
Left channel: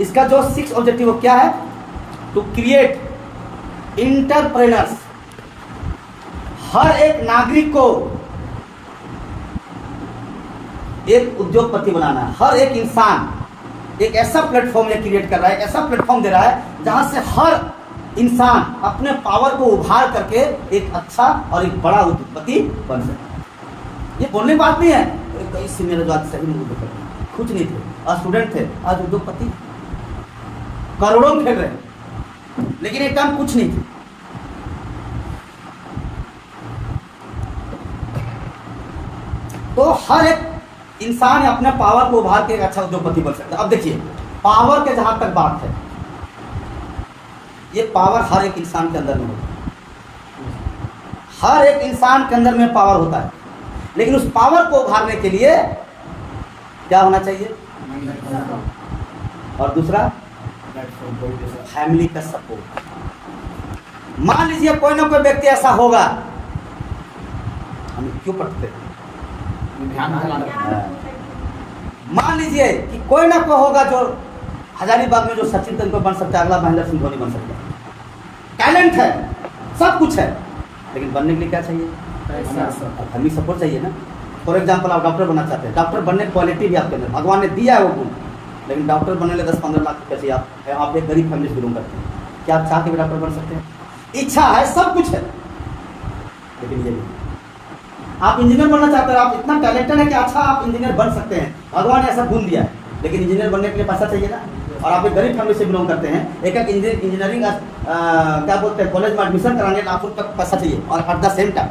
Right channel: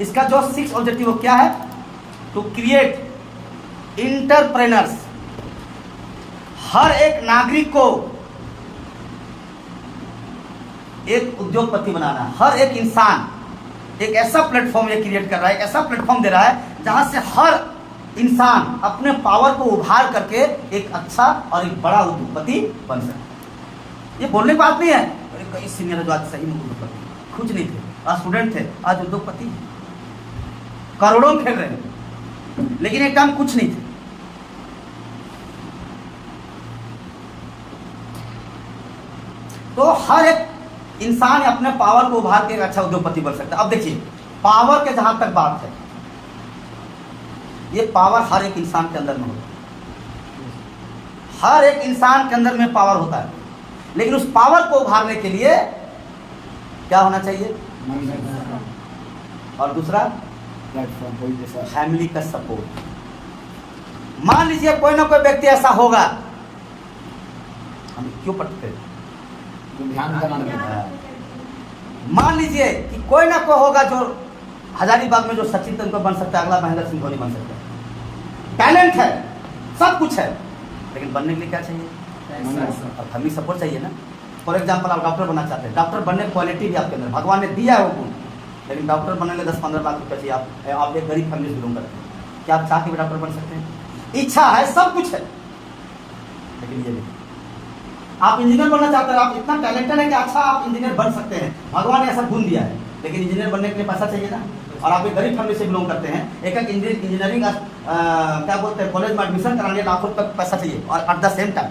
इसका जो 6th ऑब्जेक्टिव क्या है, टू क्रिएट इंटरप्रेनर्स। हर एक नागरिक को एक उद्योगपति बनाना है। हर एक इंसान एक ऐसा प्लेटफॉर्म ये क्रिएट कर रहा है, ऐसा प्लेटफॉर्म दे रहा है जहां से हर इंसान अपने पावर को उभार करके एक अच्छा और एक बड़ा उद्योगपति बन सके। ये बोलने की बात नहीं है। कई सीनियर जो आज सही में उद्योगपति कुछ नहीं थे, आज स्टूडेंट थे, आज उद्योगपति करोड़ों खेल रहे हैं, लेकिन एक काम कुछ नहीं थे। तो हर एक इंसान अपने पावर को उभार के एक अच्छा उद्योगपति बन सकता है। अब देखिए, पावर के जहां तक बात है, ये पावर हर एक इंसान के अंदर में होता है। हर एक इंसान के अंदर में पावर होता है, लेकिन उस पावर को उभारने के लिए क्या होना चाहिए, और दूसरा फैमिली का सपोर्ट। मान लीजिए कोई ना कोई व्यक्ति ऐसा होगा, हम क्यों पढ़ते हैं, मान लीजिए कि कोई ना कोई होगा जो हजारीबाग में जो सचिन तेंदुलकर बन सकता है, अगला महेंद्र सिंह धोनी बन सकता है। टैलेंट है, सब कुछ है, लेकिन बनने के लिए क्या चाहिए, फैमिली सपोर्ट चाहिए ना। फॉर एग्जाम्पल, आप डॉक्टर बनना चाहते हैं, डॉक्टर बनने की क्वालिटी भी आपके अंदर भगवान ने दिया है वो गुण, लेकिन डॉक्टर बनने के लिए 10-15 लाख रुपये चाहिए। आप एक गरीब फैमिली से बिलोंग करते हैं, क्या आप चाह के भी डॉक्टर बन सकते हैं? इच्छा है, सब कुछ है, लेकिन ये नहीं। आप इंजीनियर बनना चाहते हैं, आप इतना टैलेंटेड है कि अच्छा आप इंजीनियर बन सकते हैं, भगवान ने ऐसा गुण दिया है, लेकिन इंजीनियर बनने के लिए पैसा चाहिए ना। और आप एक गरीब फैमिली से बिलोंग करते हैं, एक इंजीनियरिंग क्या बोलते हैं कॉलेज में एडमिशन कराने लाखों रुपये पैसा चाहिए, और एट द सेम टाइम,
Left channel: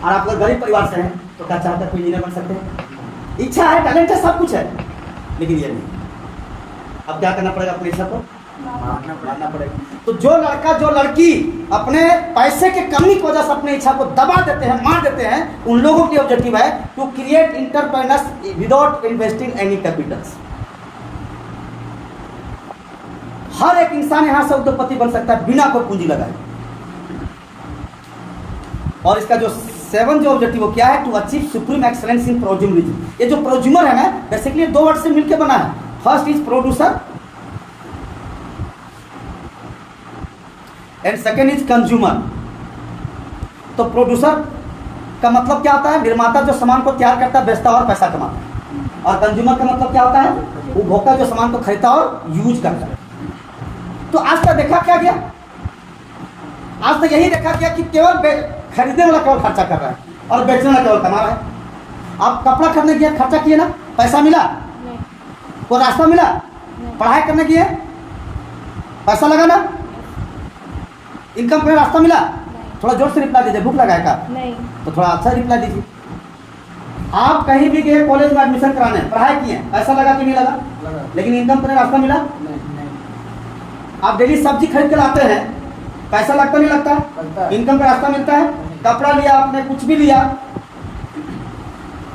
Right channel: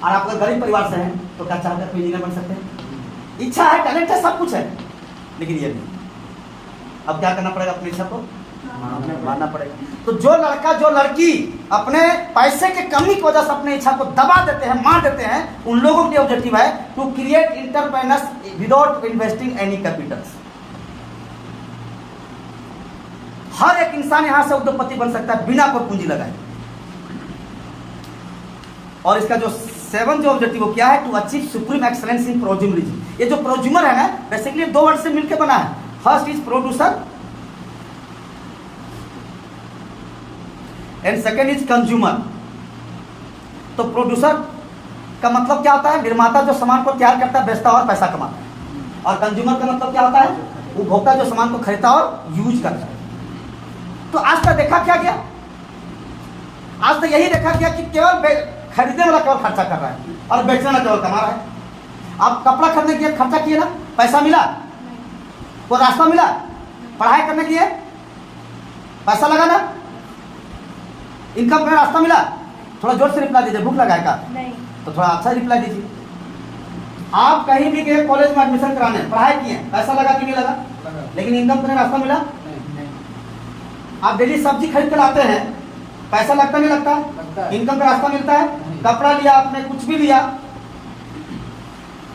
और आप गरीब परिवार से हैं तो क्या चाहते हैं कोई इंजीनियर बन सकते हैं? इच्छा है, टैलेंट है, सब कुछ है, लेकिन ये नहीं। अब क्या करना पड़ेगा, अपनी इच्छा को मानना पड़ेगा। तो जो लड़का जो लड़की अपने पैसे के कमी की वजह से अपनी इच्छा को दबा देते हैं, मार देते हैं, उन लोगों के ऑब्जेक्टिव है to create entrepreneurs without investing any capitals. हर एक इंसान यहां से उद्योगपति बन सकता है बिना कोई पूंजी लगाए। और इसका जो 7 जो ऑब्जेक्टिव क्या है, to achieve supreme excellence in prosumerism. ये जो प्रोज्यूमर है ना, बेसिकली 2 वर्ड से मिलकर बना है। First is producer and second is consumer. तो प्रोड्यूसर का मतलब क्या होता है, निर्माता जो सामान को तैयार करता है, बेचता और पैसा कमाता है। और कंज्यूमर का मतलब क्या होता है, उपभोक्ता जो सामान को खरीदता और यूज करता है। तो आज तक देखा क्या गया, आज तक यही देखा गया कि केवल खरीदने वाला केवल खर्चा कर रहा है और बेचने वाला केवल कमा रहा है। आप कपड़ा खरीदने के लिए खर्चा किए ना, पैसा मिला, कोई रास्ता मिला, पढ़ाई करने के लिए पैसा लगा ना, इनकम का रास्ता मिला। थोड़ा जोर से रिप्लाई दीजिए, भूख लगाएगा नहीं, तो थोड़ा अच्छा रिप्लाई दीजिए। आप कहीं भी गए कॉलेज में एडमिशन कराने, पढ़ाई किए, पैसा लगा कि नहीं लगा, लेकिन इनकम का रास्ता मिला। आप डेली सब्जी खरीद कर लाते हैं, पैसा लगता नहीं लगता, इनकम का रास्ता मिलता है। कपड़ा लिया आपने, कुछ भी लिया,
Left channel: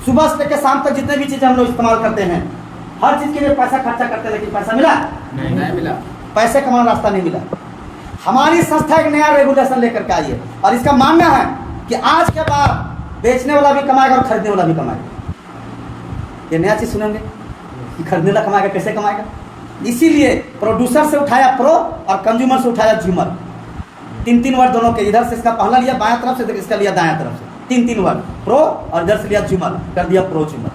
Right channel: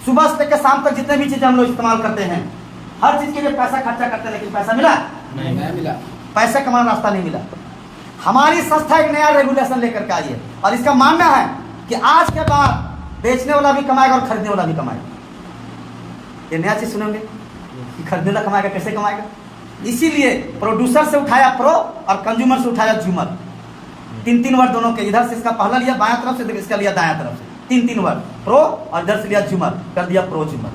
सुबह से लेकर शाम तक जितने भी चीजें हम लोग इस्तेमाल करते हैं, हर चीज के लिए पैसा खर्चा करते हैं, लेकिन पैसा मिला नहीं मिला, पैसे कमाने रास्ता नहीं मिला। हमारी संस्था एक नया रेगुलेशन लेकर के आई है और इसका मानना है कि आज के बाद बेचने वाला भी कमाएगा और खरीदने वाला भी कमाएगा। ये नया चीज सुनेंगे कि खरीदने वाला कमाएगा, कैसे कमाएगा? इसीलिए प्रोड्यूसर से उठाया प्रो और कंज्यूमर से उठाया ज्यूमर। 3 वर्ड दोनों के, इधर से इसका पहला लिया बाएं तरफ से, इसका लिया दाएं तरफ से, 3 वर्ड प्रो, और इधर से लिया ज्यूमर, कर दिया प्रो ज्यूमर।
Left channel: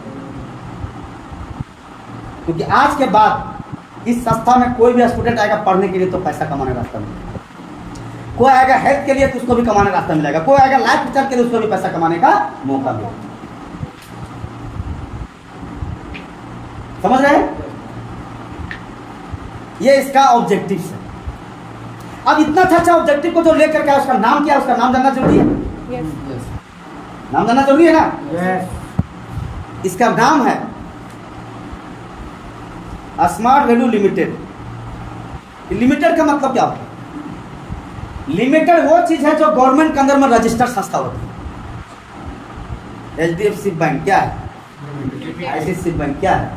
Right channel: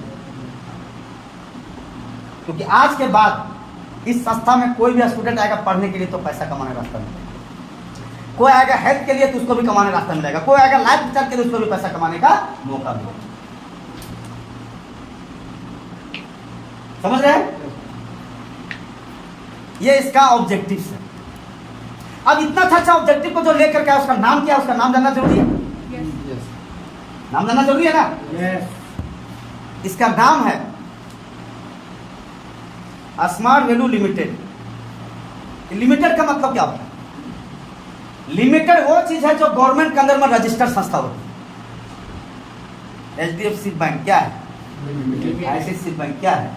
क्योंकि आज के बाद इस संस्था में कोई भी स्टूडेंट आएगा पढ़ने के लिए तो पैसा कमाने रास्ता मिलेगा, कोई आएगा हेल्थ के लिए तो उसको भी कमाने रास्ता मिलेगा, कोई आएगा लाइफ स्टाइल के लिए उसको भी पैसा कमाने का मौका मिलेगा। समझ रहे हैं? ये इसका ऑब्जेक्टिव है। अब इतना अच्छा ऑब्जेक्टिव को जो लेकर के उसका नाम क्या है, उसका नाम जानना जरूरी है। नाम जानना जरूरी है ना? इसका नाम है स्मार्ट वैल्यू लिमिटेड। लिमिटेड का मतलब क्या होता है? लिमिटेड वो चीज है जो गवर्नमेंट के अंदर में रजिस्टर्ड संस्था होती है। HDFC बैंक क्या है? ICICI बैंक क्या है?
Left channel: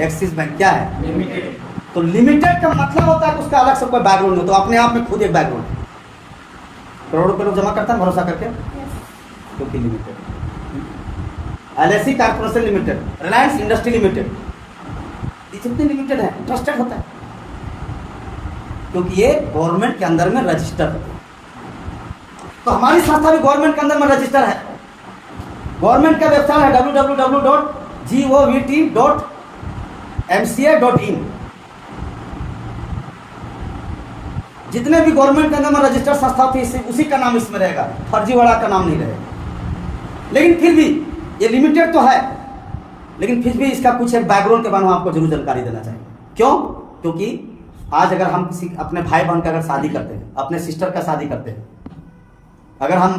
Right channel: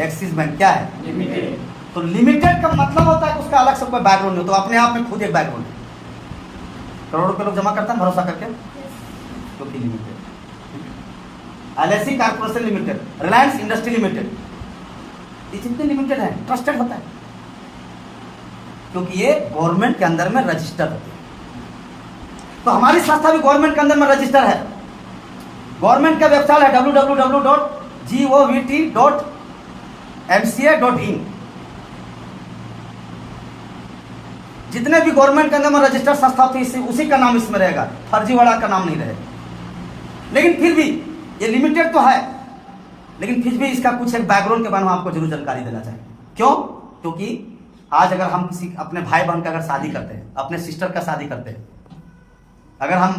एक्सिस बैंक क्या है? तो लिमिटेड का मतलब होता है कि उसका अलग से कोई बैकग्राउंड नहीं, तो अपने आप में खुद एक बैकग्राउंड है। करोड़ों रुपए लोग जमा करता है भरोसा करके, क्योंकि limited. LIC corporation limited, Reliance industry limited, ये जितने लिमिटेड है ट्रस्टेड होता है क्योंकि ये गवर्नमेंट के अंदर में रजिस्टर होती है। तो हमारी संस्था भी गवर्नमेंट के अंदर में रजिस्टर है। गवर्नमेंट का वेबसाइट है www.govt.mca.in। जितने भी गवर्नमेंट के अंदर में रजिस्टर्ड संस्था थी उसी का नाम इसमें रहेगा, फर्जीवाड़ा का नाम नहीं रहेगा। लेकिन फिर भी ये लिमिटेड तो है, लेकिन फिर भी इसका कुछ एक बैकग्राउंड के बारे में आपको जरूर जानकारी देना चाहिए। क्यों? क्योंकि आज अगर हम किसी अपने भाई बहन का अगर शादी करते हैं, अपने सिस्टर का शादी करते हैं, अगर हम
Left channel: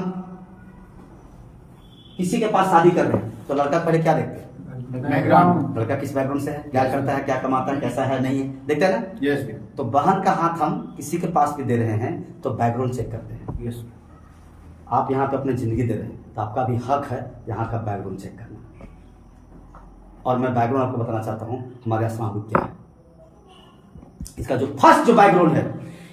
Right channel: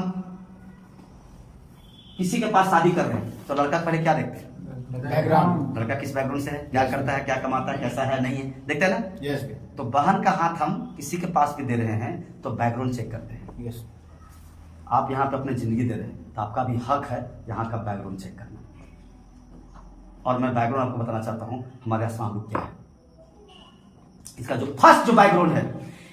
किसी के पास शादी कर रहे हैं तो लड़का पहले क्या देखते हैं? बैकग्राउंड। लड़का किस बैकग्राउंड से है, क्या करता है, क्या कमाता है, कैसा है, नहीं है, देखते हैं ना? यस। तो बहन का हाथ हम किसी के पास भी दे रहे हैं तो बैकग्राउंड चेक करते हैं। यस। आप यहाँ पे अपनी जिंदगी दे रहे हैं तो आपका भी हक है यहाँ का बैकग्राउंड चेक करना। और मैं बैकग्राउंड आपको बताना चाहता हूँ हमारे असम ग्रुप क्या है। इसका जो फर्स्ट जो बैकग्राउंड है,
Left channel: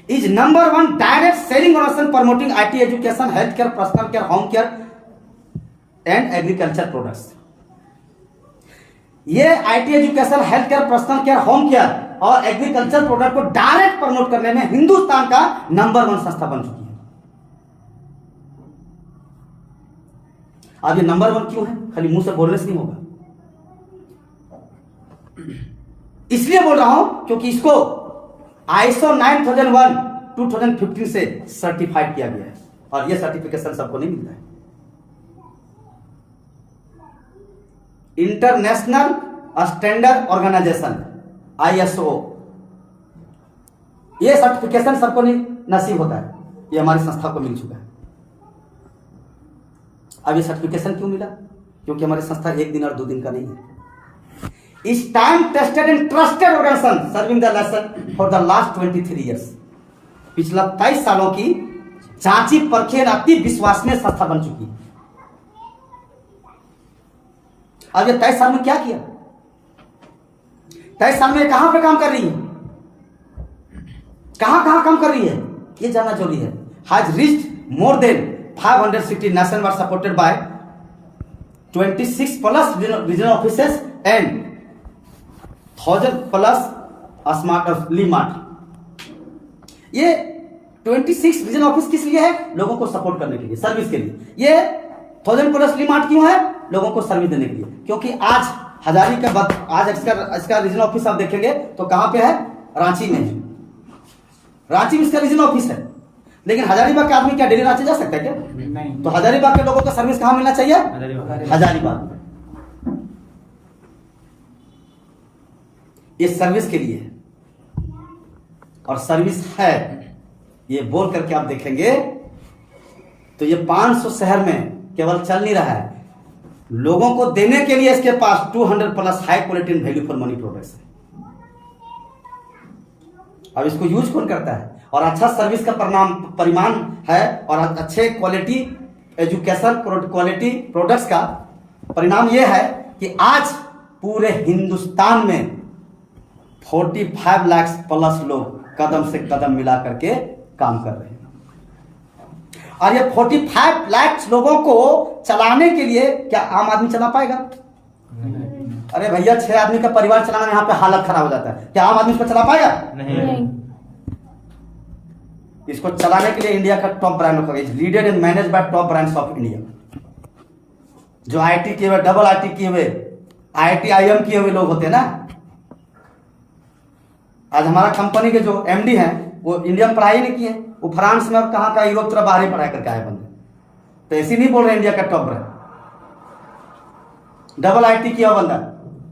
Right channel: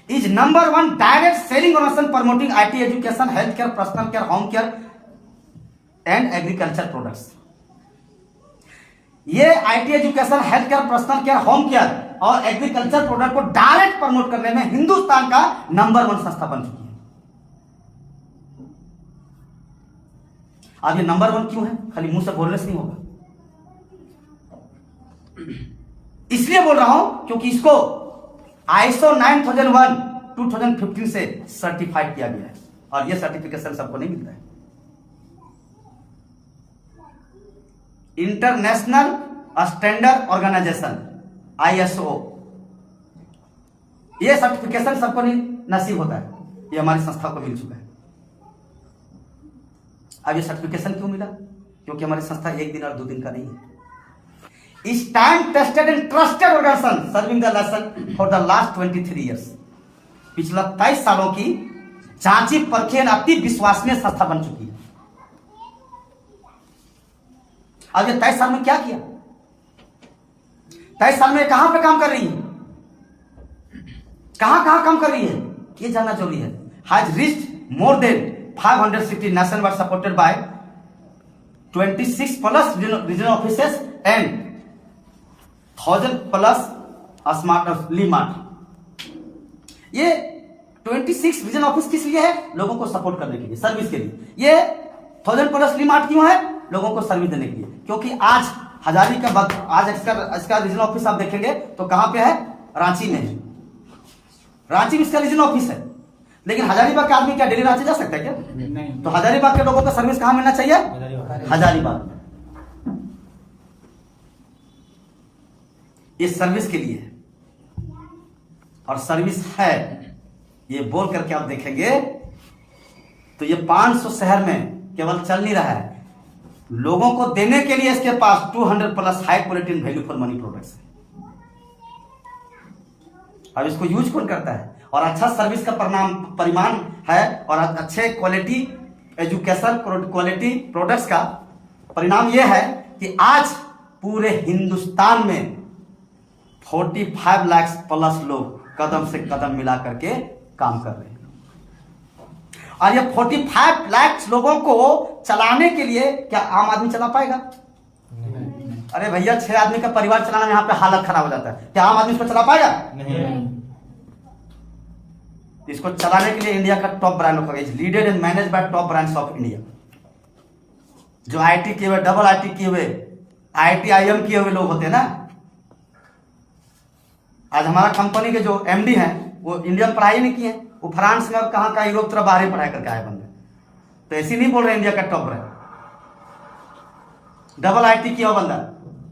is number 1 direct selling organization promoting IT education, health care, personal care, home care and agriculture products. ये IT education, health care, personal care, home care और एग्रीकल्चर प्रोडक्ट को डायरेक्ट प्रमोट करने में हिंदुस्तान का नंबर 1 संस्था बन चुकी है। अब ये नंबर 1 क्यों है? खाली मुंह से बोलने से नहीं होगा, इसलिए बोल रहा हूं क्योंकि इसको ISO 9001 2015 से सर्टिफाइड किया गया है और यह सर्टिफिकेशन सबको नहीं मिलता है। इंटरनेशनल स्टैंडर्ड ऑर्गेनाइजेशन ISO, यह सर्टिफिकेशन सबको नहीं नसीब होता है, ये हमारी संस्था को मिल चुका है। अब ये सर्टिफिकेशन क्यों मिला? क्योंकि हमारी संस्था 1 दिन और 2 दिन का नहीं है। इस time tested and trusted organization serving the nation for the last 23 years. पिछला 23 सालों की जांची परखी और अति विश्वसनीय संस्था बन चुकी है। अब ये 23 साल में क्या किया? 23 साल में कहां पे काम कर रही है, कहां काम कर रही है, ये जानना जरूरी है। Has reached more than 500 city nationwide supported by 26 plus regional offices and 1000 plus smart Li Mart. ये 26 रीजनल ऑफिस किस लिए है? लोगों को सपोर्ट करने के लिए, सर्विस के लिए। ये 1000 प्लस ली-मार्ट क्यों है? लोगों को सर्विस देने के लिए। क्योंकि आज हजारी का आज इसका रीजनल ऑफिस आप देखेंगे तो कहां पे है? रांची में है। रांची में इसका रीजनल ऑफिस है, लेकिन हजारीबाग का आदमी क्या डेली रांची जा सकता है क्या? नहीं। तो हजारीबाग के लोगों को सर्विस कहां मिलना चाहिए? हजारीबाग। ये सर्विस के लिए है और सर्विस है, ये बोल करके आप देखेंगे तो ये 500 शहर में केवल चल नहीं रहा है, लोगों को देने के लिए इसके पास 200 plus high quality and value for money products है। अब इसको यूज कौन करता है? और अच्छा सर्विस का परिमाण है और अच्छे क्वालिटी एजुकेशन क्वालिटी प्रोडक्ट्स का परिणाम यह है कि आज पूरे हिंदुस्तान में 45 लाख प्लस लोग कदम से कदम मिला करके काम कर रहे हैं। और ये 45 लाख लोगों को चलाने के लिए क्या आम आदमी चला पाएगा? अरे भैया 6 आदमी का परिवार चलाना में यहाँ पे हालत खराब हो जाता है, क्या आम आदमी इसको चला पाएगा? नहीं। इसको चलाने के लिए इंडिया का टॉप ब्रांड होगा, leaded and manage by top brands of India. जो आईटी किए हुए, डबल आईटी किए हुए, IIM किए हुए लोग होते हैं ना। आज हमारा कंपनी के जो एमडी हैं वो इंडियन पढ़ाई नहीं किए, वो फ्रांस में अब कहाँ का यूरोप तरफ बाहर ही पढ़ाई करके आए बंदे, तो ऐसे नहीं बोल रहे इंडिया का टॉप ब्रांड। डबल आईटी किया हुआ बंदा,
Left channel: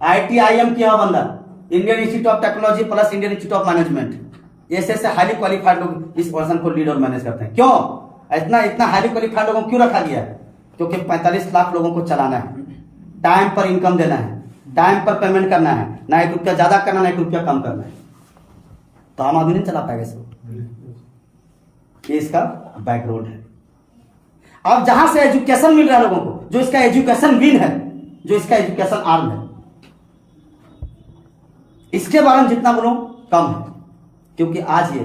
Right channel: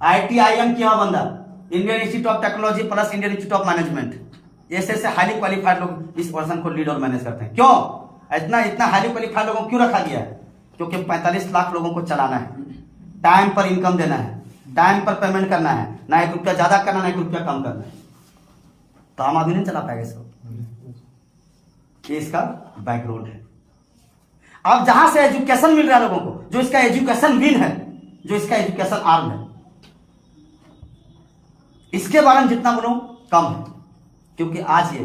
IIM किया हुआ बंदा, Indian institute of technology plus Indian institute of management, ऐसे हाईली क्वालिफाइड लोग इस पर्सन को लीड और मैनेज करते हैं। क्यों इतना हाईली क्वालिफाइड लोगों को क्यों रखा गया है? क्योंकि 45 लाख लोगों को चलाना है, टाइम पर इनकम देना है, टाइम पर पेमेंट करना है, ना 1 रुपया ज्यादा करना, ना 1 रुपया कम करना है। तो आम आदमी नहीं चला पाएगा इसको। ये इसका बैकग्राउंड है। अब जहां से एजुकेशन मिल रहा है लोगों को, जो इसका एजुकेशन विन है, जो इसका एजुकेशन आर्म है, इसके बारे में जितना बोलो कम है। क्योंकि आज ये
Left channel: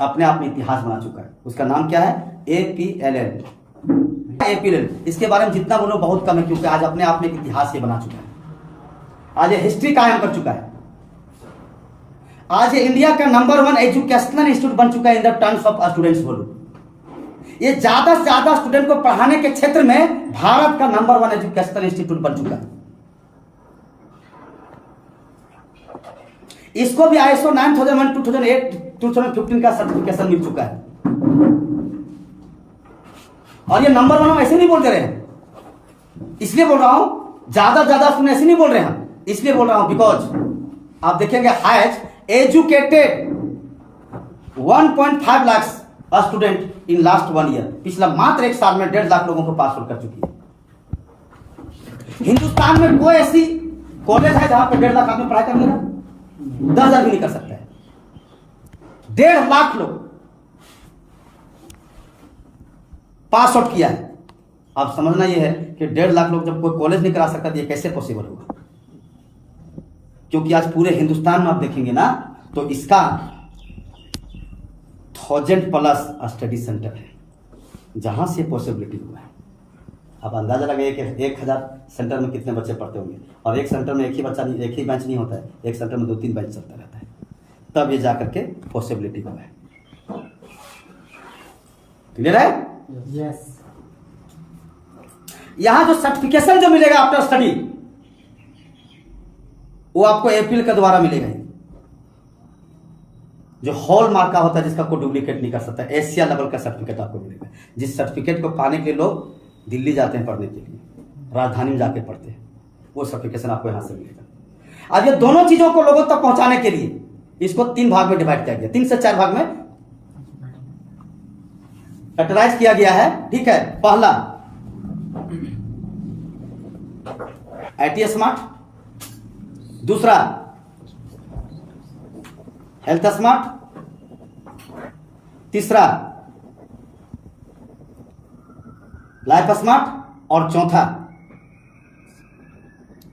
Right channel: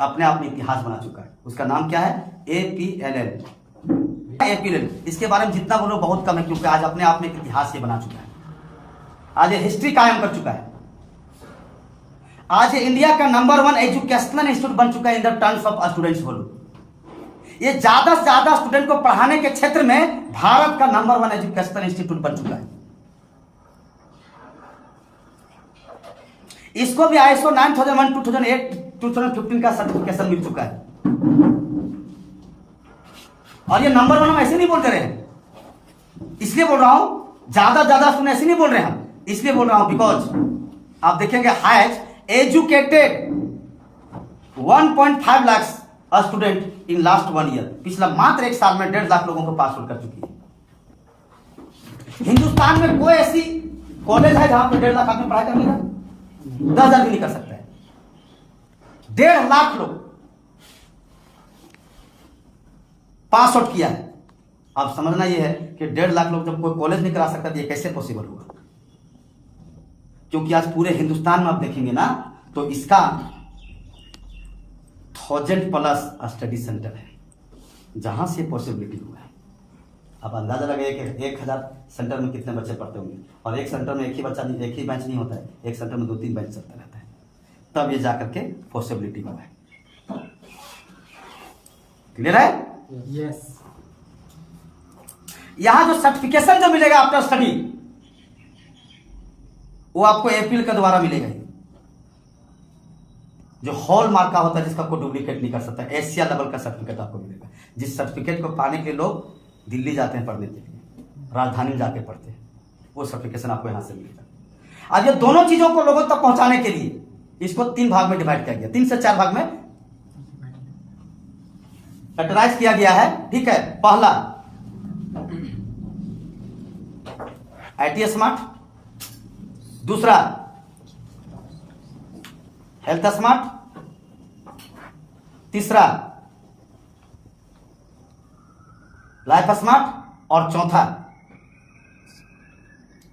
अपने आप में इतिहास बना चुका है। उसका नाम क्या है? APLL। इसके बारे में जितना बोलो बहुत कम है, क्योंकि आज अपने आप में एक इतिहास ये बना चुका है। आज ये हिस्ट्री कायम कर चुका है। आज ये इंडिया का नंबर 1 एजुकेशनल इंस्टीट्यूट बन चुका है in the terms of students volume. ये ज्यादा से ज्यादा स्टूडेंट को पढ़ाने के क्षेत्र में भारत का नंबर 1 एजुकेशनल इंस्टीट्यूट बन चुका है। इसको भी ISO 9001, 2008, 2015 का सर्टिफिकेशन मिल चुका है। और ये नंबर 1 हम ऐसे नहीं बोल रहे हैं, इसलिए बोल रहा हूं ज्यादा सुन, ऐसे नहीं बोल रहे हैं, इसलिए बोल रहा हूं बिकॉज आप देखेंगे has educated 1.5 lakh student in last 1 year. पिछला मात्र 1 साल में 1.5 लाख लोगों को पास आउट कर चुकी है। हिंदुस्तान में कोई ऐसी कॉलेज है जहां पर 1.5 लाख आदमी पढ़ाई कर लेगा? 10,000 भी नहीं कर सकता है। 1.5 लाख लोग पास आउट किया है। अब समझना यह है कि 1.5 लाख लोग जब कोई कॉलेज नहीं करा सकता तो ये कैसे पॉसिबल होगा? क्योंकि आज पूरे हिंदुस्तान में आप देखेंगे ना तो इसका 1000+ स्टडी सेंटर है जहां से पॉसिबिलिटी हुआ है। आप अंदाजा लगाइए कि 1000 सेंटर में कितने बच्चे पढ़ते होंगे, और एक सेंटर में एक ही बेंच नहीं होता है, एक सेंटर में 2-3 बेंच चलता रहता है, तब ये जाकर के पॉसिबिलिटी हुआ है। क्लियर है? यस। यहां जो सर्टिफिकेशन जो मिलेगा आफ्टर स्टडी वो आपको APL के द्वारा मिलेगा। जो हॉल मार्क का होता है जिसका कोई डुप्लीकेट नहीं कर सकता, एशिया लेवल का सर्टिफिकेट आपको मिलेगा। जिस सर्टिफिकेट को पाने के लिए लोग दिल्ली जाते हैं पढ़ने के लिए, राजधानी में जाके पढ़ते हैं, वो सर्टिफिकेशन आपको यहां से मिलेगा। अब ये दोनों चीजों को लोगों तक पहुंचाने के लिए इसको 3 भाग में डिवाइड किया गया, 3 से 4 भाग में कैटेगराइज किया गया है। ठीक है, पहला IT स्मार्ट, दूसरा हेल्थ स्मार्ट, तीसरा लाइफ स्मार्ट, और चौथा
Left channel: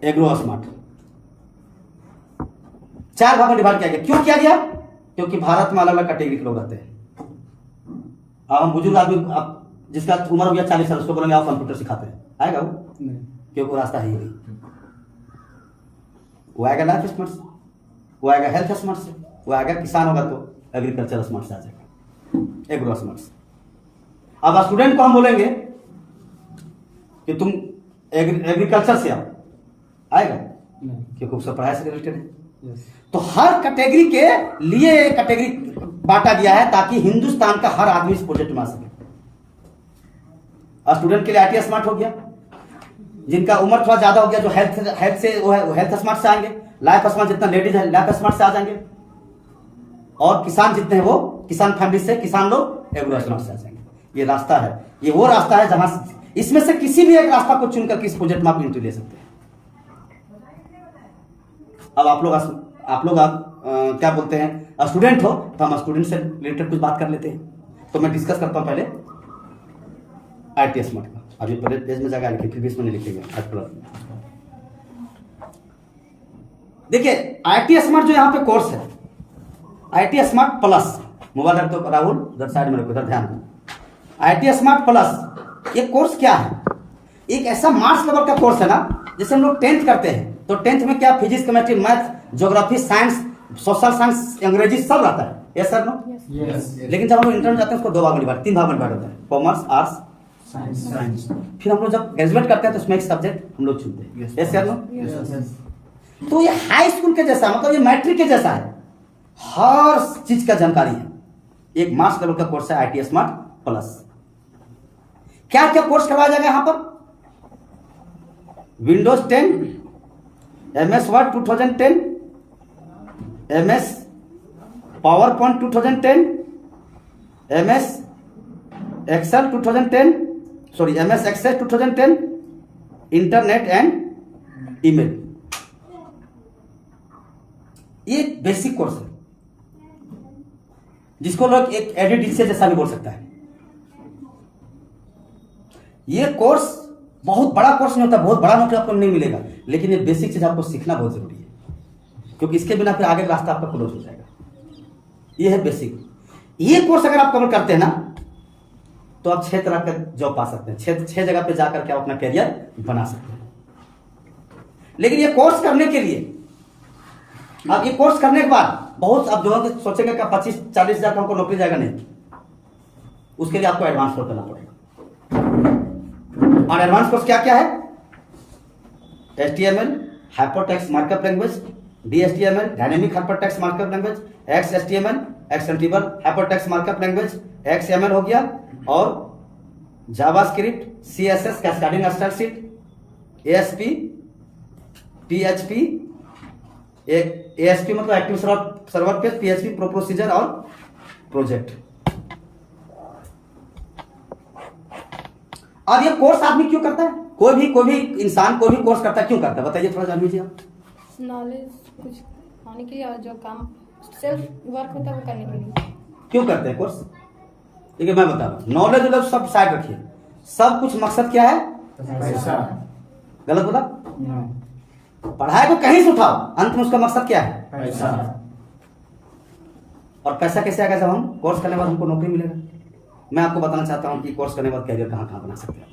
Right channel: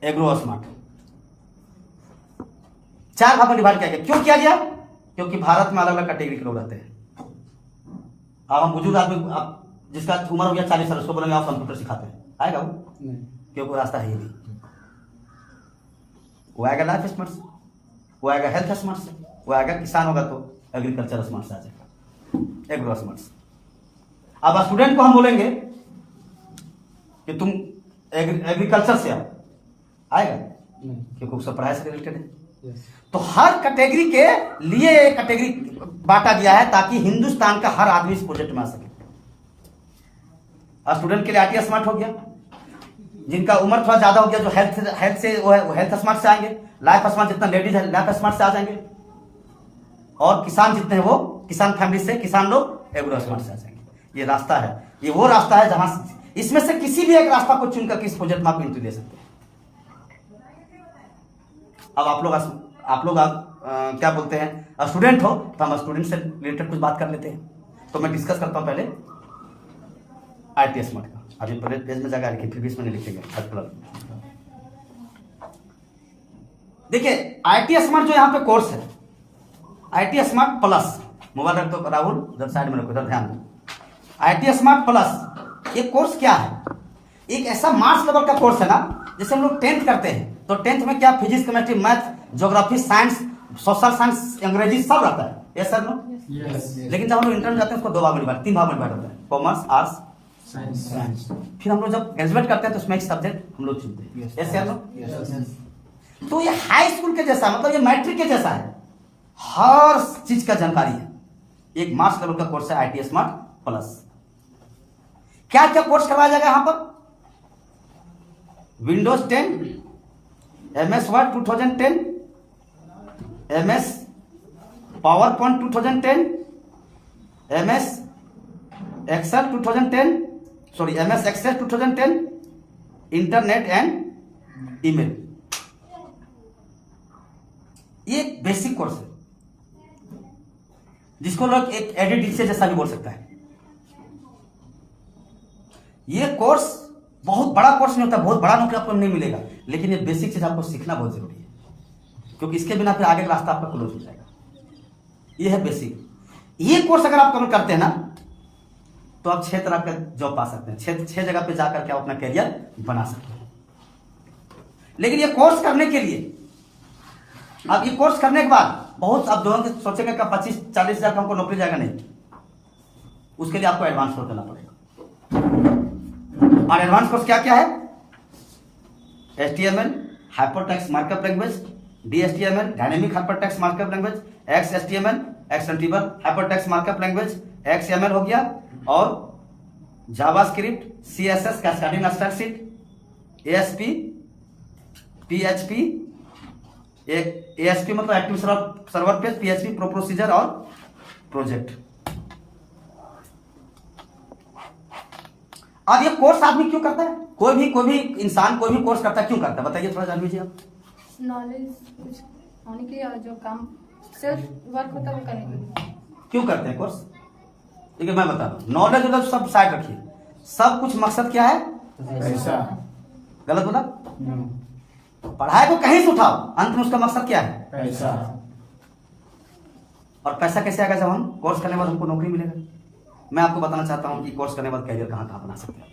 एग्रो स्मार्ट। 4 भाग में डिवाइड किया गया। क्यों किया गया? क्योंकि भारत में अलग अलग कैटेगरी के लोग रहते हैं। अब हम बुजुर्ग आदमी, आप जिसका उम्र हो गया 40 साल, उसको बोलेंगे आप कंप्यूटर सिखाते हैं, आएगा वो? क्योंकि रास्ता है ही नहीं। वो आएगा लाइफ स्मार्ट से, वो आएगा हेल्थ स्मार्ट से, वो आएगा किसान होगा तो एग्रीकल्चर स्मार्ट से आ जाएगा, एग्रो स्मार्ट से। अब स्टूडेंट को हम बोलेंगे कि तुम एग्रीकल्चर से आओ, आएगा? क्योंकि उससे पढ़ाई से रिलेटेड है। तो हर कैटेगरी के लिए कैटेगरी बांटा गया है ताकि हिंदुस्तान का हर आदमी इस प्रोजेक्ट में आ सके। स्टूडेंट के लिए IT स्मार्ट हो गया, जिनका उम्र थोड़ा ज्यादा हो गया, जो हेल्थ से वो हेल्थ स्मार्ट से आएंगे, लाइफ स्मार्ट जितना लेडीज है लाइफ स्मार्ट से आ जाएंगे, और किसान जितने हैं वो किसान फैमिली से, किसान लोग एग्रो स्मार्ट से आ जाएंगे। ये रास्ता है, ये वो रास्ता है जहां इसमें से किसी भी एक रास्ता को चुनकर किस प्रोजेक्ट में आप एंट्री ले सकते हैं। अब आप लोग क्या बोलते हैं, स्टूडेंट हो तो हम स्टूडेंट से रिलेटेड कुछ बात कर लेते हैं। तो मैं डिस्कस करता हूं पहले IT स्मार्ट का। अभी पहले पेज में जाएगा, लेकिन फिर भी इसमें नहीं लिखेंगे आज प्लस में। देखिए IT स्मार्ट जो यहां पे कोर्स है, IT स्मार्ट प्लस, मोबाइल रख दो राहुल, उधर साइड में रखो, इधर ध्यान दो। IIT स्मार्ट प्लस ये कोर्स क्या है? एक ऐसा मार्क्स लेवल का कोर्स है ना, जैसे हम लोग 10th करते हैं तो 10th में क्या physics, chemistry, math, geography, science, social science, अंग्रेजी सब रहता है। Yes sir no? लेकिन जब हम लोग इंटर में जाते हैं उसको 2 भाग में डिवाइड, 3 भाग में डिवाइड होता है, कॉमर्स, आर्ट्स, साइंस। फिर हम लोग जब ग्रेजुएट करते हैं तो उसमें एक सब्जेक्ट हम लोग चुनते हैं। Yes sir no? तो ये हाई स्कूल के जैसा, मतलब ये मैट्रिक के जैसा है, हर चीज का जानकारी है। एक मार्क्स लेवल का कोर्स है IIT स्मार्ट प्लस। क्या क्या कोर्स करवाया जाएगा यहां पर? Windows 10, MS Word 2010, MS PowerPoint 2010, MS Excel 2010, sorry MS Excel 2010, internet and email. ये बेसिक कोर्स है जिसको लोग एक एडिट जैसा भी बोल सकता है। ये कोर्स बहुत बड़ा कोर्स नहीं होता, बहुत बड़ा नौकरी आपको नहीं मिलेगा, लेकिन ये बेसिक चीज आपको सीखना बहुत जरूरी है, क्योंकि इसके बिना फिर आगे का रास्ता आपका क्लोज हो जाएगा। ये है बेसिक। ये कोर्स अगर आप कवर करते हैं ना तो आप 6 तरह का जॉब पा सकते हैं, 6 जगह पे जाकर के आप अपना करियर बना सकते हैं। लेकिन ये कोर्स करने के लिए, अब ये कोर्स करने के बाद बहुत आप दोनों सोचेंगे कि 25-40 हजार का हमको नौकरी जाएगा, नहीं। उसके लिए आपको एडवांस कोर्स करना पड़ेगा। और एडवांस कोर्स क्या क्या है? HTML hypertext markup language, DHTML dynamic hypertext markup language, XHTML extensible hypertext markup language, XML हो गया, और JavaScript, CSS cascading style sheet, ASP, PHP, ASP मतलब active server page, PHP procedure और प्रोजेक्ट। और ये कोर्स आदमी क्यों करता है? कोई भी इंसान कोई भी कोर्स करता है, क्यों करता है बताइए, थोड़ा जान लीजिए आप। नॉलेज कुछ होने के लिए, और जो काम सेल्फ वर्क होता है वो करने के लिए। क्यों करते हैं कोर्स? देखिए मैं बता रहा हूं, नॉलेज मतलब सब साइड रखिए, सब कुछ मकसद क्या है? पैसा। गलत बोला? पढ़ाई को कहीं से उठाओ, अंत में उसका मकसद क्या है? पैसा। और पैसा कैसे आएगा? जब हम कोर्स करने के बाद हमको नौकरी मिलेगा। मैं आपको बताना चाहता हूं कि कोर्स करने के बाद कैरियर कहां कहां बना सकते हैं।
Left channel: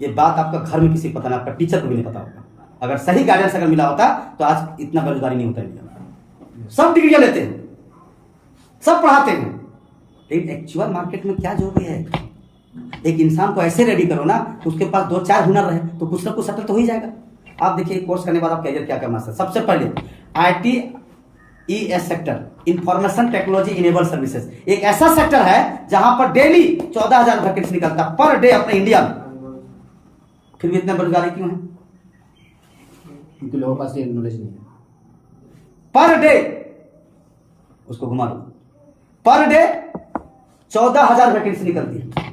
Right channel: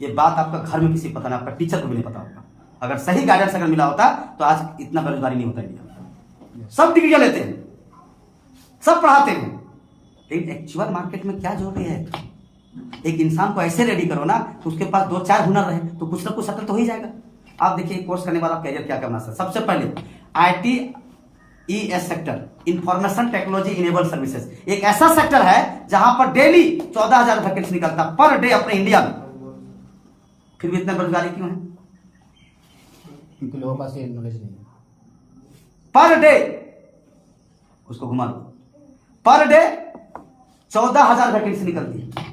ये बात आपका घर में किसी को पता नहीं, आपका टीचर को भी नहीं पता होगा। अगर सही गाइडेंस अगर मिला होता तो आज इतना बेरोजगारी नहीं होता इंडिया में। सब डिग्रियां लेते हैं, सब पढ़ाते हैं, लेकिन एक्चुअल मार्केट में क्या जरूरी है? एक इंसान को ऐसे रेडी करो ना तो उसके पास 2-4 हुनर रहे तो कुछ ना कुछ सेटल तो हो ही जाएगा। आप देखिए कोर्स करने के बाद आप कैरियर क्या करना है। सबसे पहले ITES sector, information technology enable services, एक ऐसा सेक्टर है जहां पर डेली 14,000 वैकेंसी निकलता पर डे अपने इंडिया में। फिर भी इतना बेरोजगारी क्यों है? क्योंकि लोगों के पास ये नॉलेज नहीं है। पर डे, उसको घुमा दो, पर डे 14,000 वैकेंसी निकलती है।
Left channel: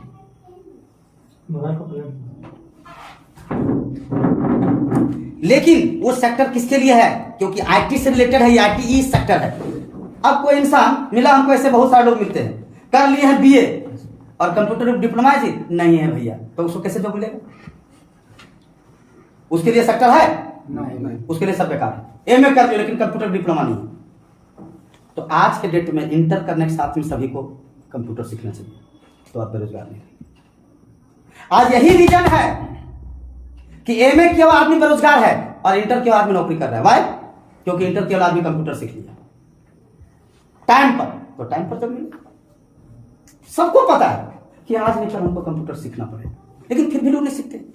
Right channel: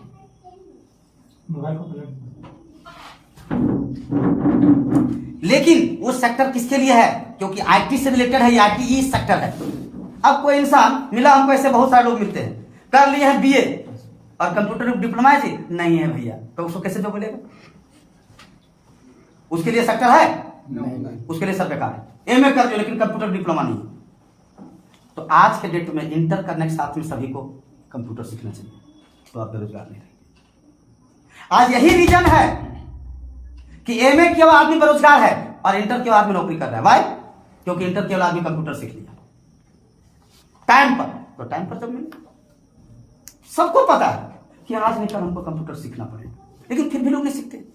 लेकिन वो सेक्टर किसके लिए है? क्योंकि IT से रिलेटेड है, ये ITE सेक्टर है। अब कोई इंसान मिला हमको, ऐसे बहुत सारे लोग मिलते हैं, कर लिए हैं BA और कंप्यूटर डिप्लोमा है जी नहीं है भैया, तो उसको कैसे जॉब मिलेगा? उसके लिए सेक्टर है? नहीं। उसके लिए सब बेकार है। MA कर लो लेकिन कंप्यूटर डिप्लोमा नहीं है। तो आज के डेट में इंटर करने के साथ में सभी को कंप्यूटर सीखना चाहिए, तो आप बेरोजगार नहीं रहेंगे। आज यही रीजन है कि MA केवल आदमी बेरोजगार है और इंटर केवल आदमी नौकरी कर रहा है। वाई? क्योंकि इंटर केवल आदमी कंप्यूटर सीख लिया टाइम पर, तो टाइम पर जब मिले। सबको पता है कि आज नहीं कल हमको कंप्यूटर सीखना पड़ेगा, लेकिन फिर भी लोग नहीं सीखते।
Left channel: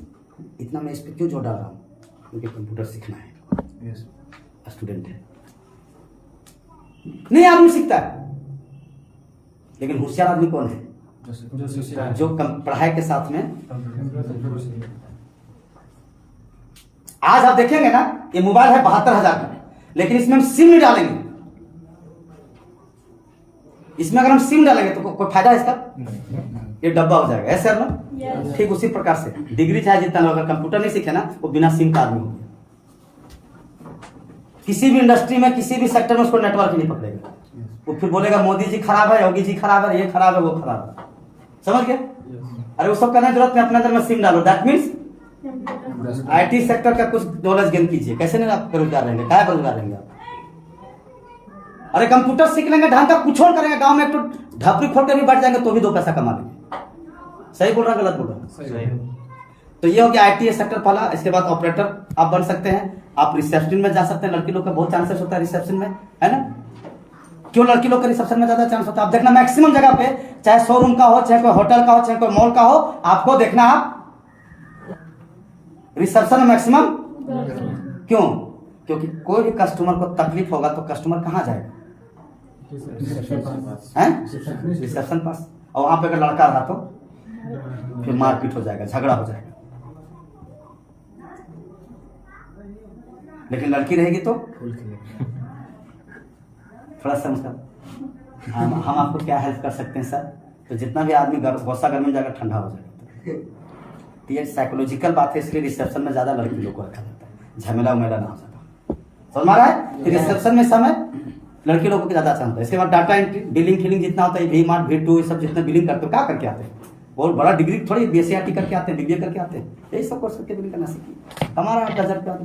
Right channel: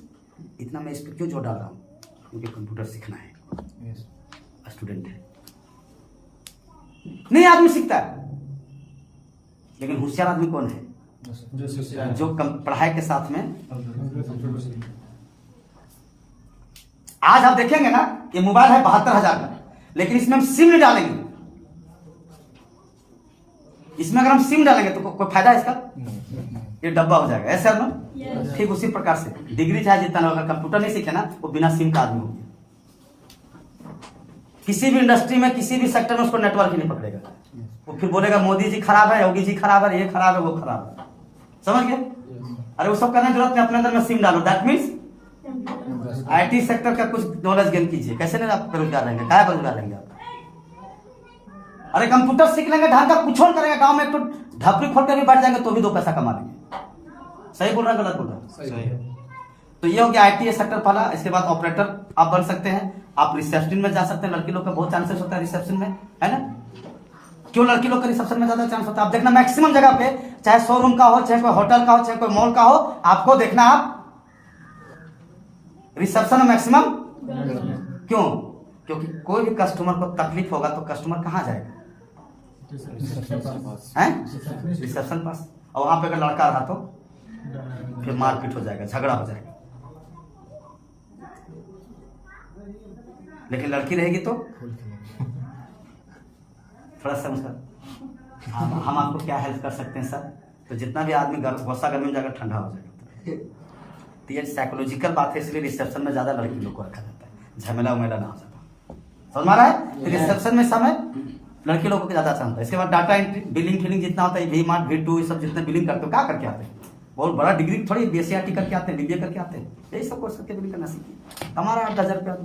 इतना मैं इस पर क्यों जोर डाल रहा हूं? क्योंकि कंप्यूटर सीखना है, स्टूडेंट है, नहीं आदमी सीखता है। लेकिन होशियार आदमी कौन है? जो पढ़ाई के साथ में। आज आप देखेंगे ना, ये मोबाइल है 72,000 का, लेकिन इसमें हम सिम नहीं डालेंगे। इसमें अगर हम सिम डालेंगे तो कोई फायदा है इसका? ये डब्बा हो जाएगा। ऐसे ना? ठीक उसी प्रकार से डिग्री चाहे जितना लोग अगर कंप्यूटर नहीं सीखे ना, वो बिना सिम का आदमी हो गया। किसी भी इंडस्ट्री में, किसी भी सेक्टर में उसको नेटवर्क ही नहीं पकड़ेगा। वो फिर बोलेगा मोदी जी खराब है, योगी जी खराब है, ये खराब है, वो खराब है। समझ गया? अरे वो सब करने की जरूरत नहीं, अपने अंदर में सिम डालो। दैट मीन्स IT सेक्टर का कुछ नॉलेज गेन कीजिए। कैसे नहीं आप बेरोजगार रहेंगे? क्या बेरोजगार रहेंगे आप? अरे कंप्यूटर सीख लेंगे, ढंग का कुछ और करेंगे, गांव में एक तो ढपरी खोल कर भी बैठ जाएंगे तो भी 2 पैसा कमा लेंगे। सही बोल रहा गलत बोल रहा? सही है। तो ये हो गया आईटी सेक्टर पहला। इसके बाद ऑपरेटर आप बन सकते हैं, आप रिसेप्शन में जा सकते हैं। लड़की लोग का बहुत चांसेस होता है रिसेप्शन में, है ना? क्यों लड़की लोग का रिसेप्शन में ज्यादा चांस होता है? आप देखना मैक्सिमम जगह पे, चाहे शोरूम का हो, चाहे कोई होटल का हो, चाहे कोई मॉल का हो, आपको देखना आप रिसेप्शन में मैक्सिमम। क्यों? क्योंकि कोई भी कस्टमर को तकलीफ होगा तो कस्टमर कहाँ जाएगा? रिसेप्शन पास। और वहां पे अगर लड़का रहा तो फिर मारपीट हो जाएगा, झगड़ा हो जाएगा। लेकिन लड़की रहेगी तो थोड़ा सा उसका हम आपको क्या हेल्प कर सकते हैं सर? तो जितना भी आदमी वर्षा गर्मी में जाकर ठंडा हो जाएगा। तो ये साइकोलॉजिकल बात है, इसलिए रिसेप्शन में ज्यादा लड़की लोग को रखा जाता है, झमेला उमेला ना हो जाता। समझ में आ रहा है? रिसेप्शन में समय लड़के लोगों को ज्यादा अच्छा होता है। इसके बाद डाटा एंट्री, बिलिंग फिलिंग जितना होता है, वी मार्ट, V2 ये सब जितने बिलिंग करते हो क्या करके आते हैं? बहुत बड़ा डिग्री थोड़ी BSc करके आते हैं, BBA करके आते हैं, यही सब कोर्स करके बिलिंग करना सीखिए। हमारा 8,000 रुपया।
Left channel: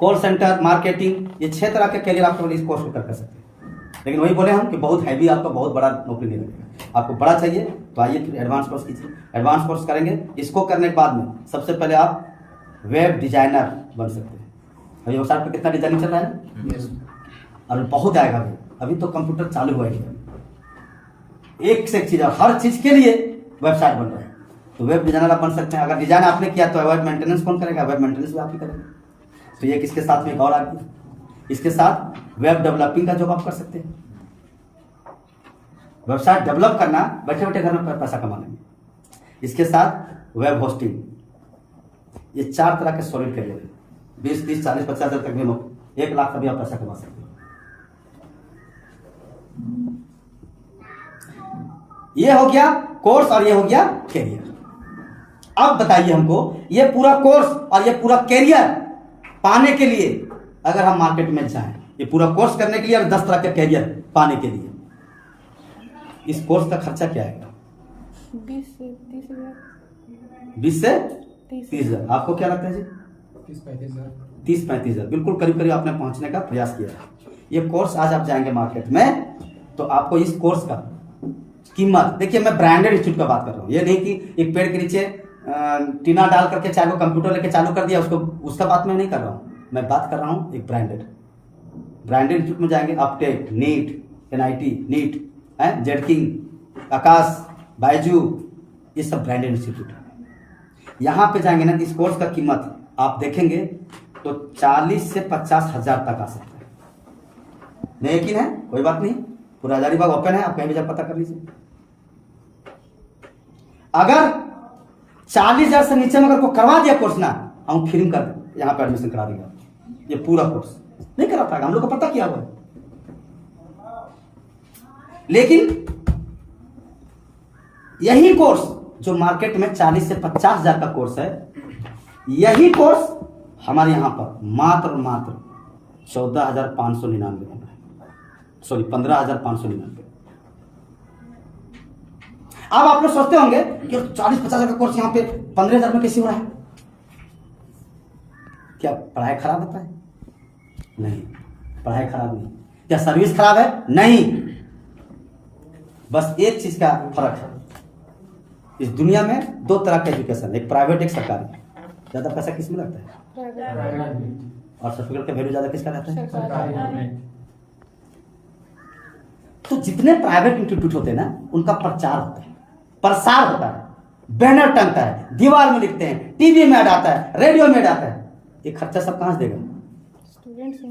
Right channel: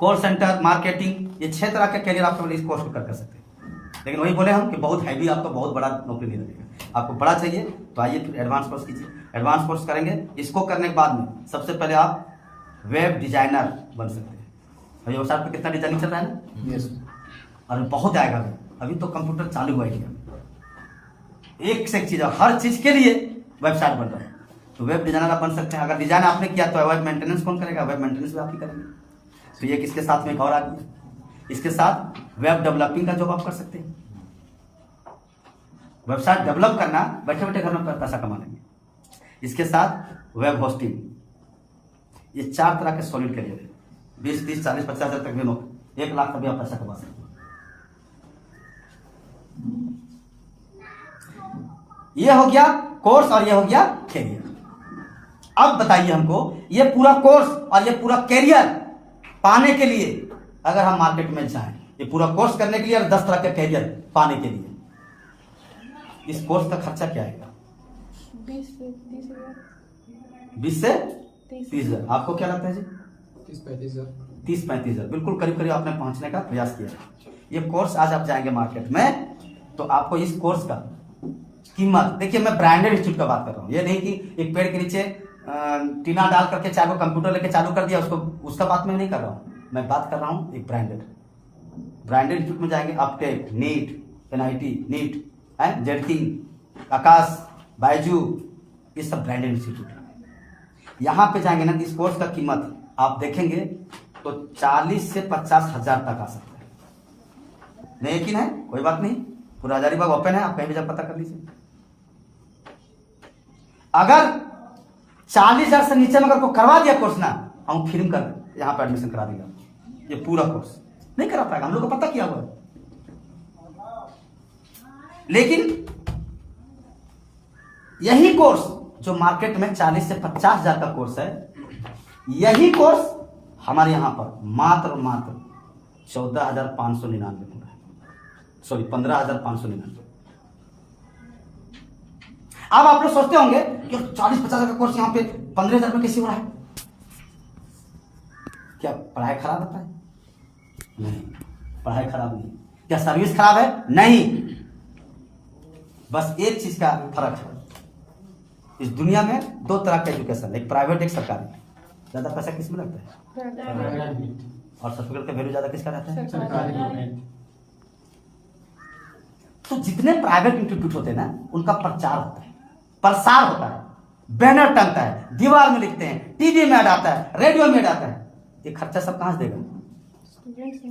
कॉल सेंटर, मार्केटिंग, ये 6 तरह के कैरियर आपको इस कोर्स को कर सकते हैं। लेकिन वही बोले हम कि बहुत हैवी, आपको बहुत बड़ा नौकरी नहीं लगेगा। आपको बड़ा चाहिए तो आइए फिर एडवांस कोर्स कीजिए। एडवांस कोर्स करेंगे, इसको करने के बाद में सबसे पहले आप वेब डिजाइनर बन सकते हैं। अभी वेबसाइट पर कितना डिजाइनिंग चल रहा है ना, और बहुत आएगा अभी तो कंप्यूटर चालू हुआ है, एक से एक चीज, हर चीज के लिए वेबसाइट बन रहा है। तो वेब डिजाइनर आप बन सकते हैं। अगर डिजाइन आपने किया तो वेब मेंटेनेंस कौन करेगा? वेब मेंटेनेंस भी आप ही करेंगे। तो ये किसके साथ में एक और आ गया, इसके साथ वेब डेवलपिंग का जॉब आप कर सकते हैं। वेबसाइट डेवलप करना, बैठे बैठे घर में पैसा कमाने में। इसके साथ वेब होस्टिंग, ये 4 तरह के सॉलिड करियर है। 20, 30, 40, 50 हजार तक भी लो, 1 लाख का भी आप पैसा कमा सकते हो। ये हो गया कोर्स और ये हो गया कैरियर। अब बताइए हमको, ये पूरा कोर्स और ये पूरा कैरियर पाने के लिए अगर हम मार्केट में जाएं, ये पूरा कोर्स करने के लिए और 10 तरह के कैरियर पाने के लिए, इस कोर्स का खर्चा क्या आएगा? 20 से 30 हजार। 20 से 30 हजार। आपको क्या लगता है जी? 30-35 हजार, बिल्कुल करीब करीब आपने पहुंचने का प्रयास किया है। ये कोर्स आज आप जाएंगे मार्केट में तो आपको इस कोर्स का कीमत, देखिए मैं ब्रांडेड इंस्टीट्यूट का बात कर रहा हूँ, ये नहीं कि एक पेड़ के नीचे टीना डाल करके चाहे वो कंप्यूटर लेके चालू कर दिया उसको, उसका बात मैं नहीं कर रहा हूँ। मैं बात कर रहा हूँ एक ब्रांडेड इंस्टीट्यूट में जाएंगे। अपटेक, नीट, NIT, नीट, जेडकिंग, आकाश, बायजू, ये सब ब्रांडेड इंस्टीट्यूट है। यहाँ पे जाएंगे ना, इस कोर्स का कीमत आप देखेंगे तो 40 से 50 हजार तक आ सकता है। नहीं यकीन है? कोई बात नहीं, पूरा हजारीबाग ओपन है, आप कहीं भी जब पता कर लीजिए। अगर 40 हजार से नीचे में अगर को करवा दिया कोर्स ना, हम फिल्म कर यहाँ पे एडमिशन करा देंगे। ये पूरा कोर्स नहीं करा पाएगा, हम लोग को पता किया हुआ है। लेकिन यही कोर्स जो मार्केट में 40 से 50 हजार का कोर्स है, यही कोर्स हमारे यहां पर मात्र 14,599 बन रहा है, सॉरी 15,599। अब आप लोग सोचते होंगे कि 40-50 हजार का कोर्स यहां पे 15,000 में कैसे हो रहा है? क्या पढ़ाई खराब होता है? नहीं, पढ़ाई खराब नहीं। क्या सर्विस खराब है? नहीं। बस एक चीज का फर्क है, इस दुनिया में 2 तरह का एजुकेशन, एक प्राइवेट एक सरकारी। ज्यादा पैसा किस में लगता है? और सर्टिफिकेट का वैल्यू ज्यादा किसका रहता है? सरकारी। तो जितने प्राइवेट इंस्टीट्यूट होते हैं ना, उनका प्रचार होता है, प्रसार होता है, बैनर टंगता है, दीवार में लिखते हैं, टीवी में ऐड आता है, रेडियो में ऐड आता है। ये खर्चा सब कहां से देगा? स्टूडेंट से।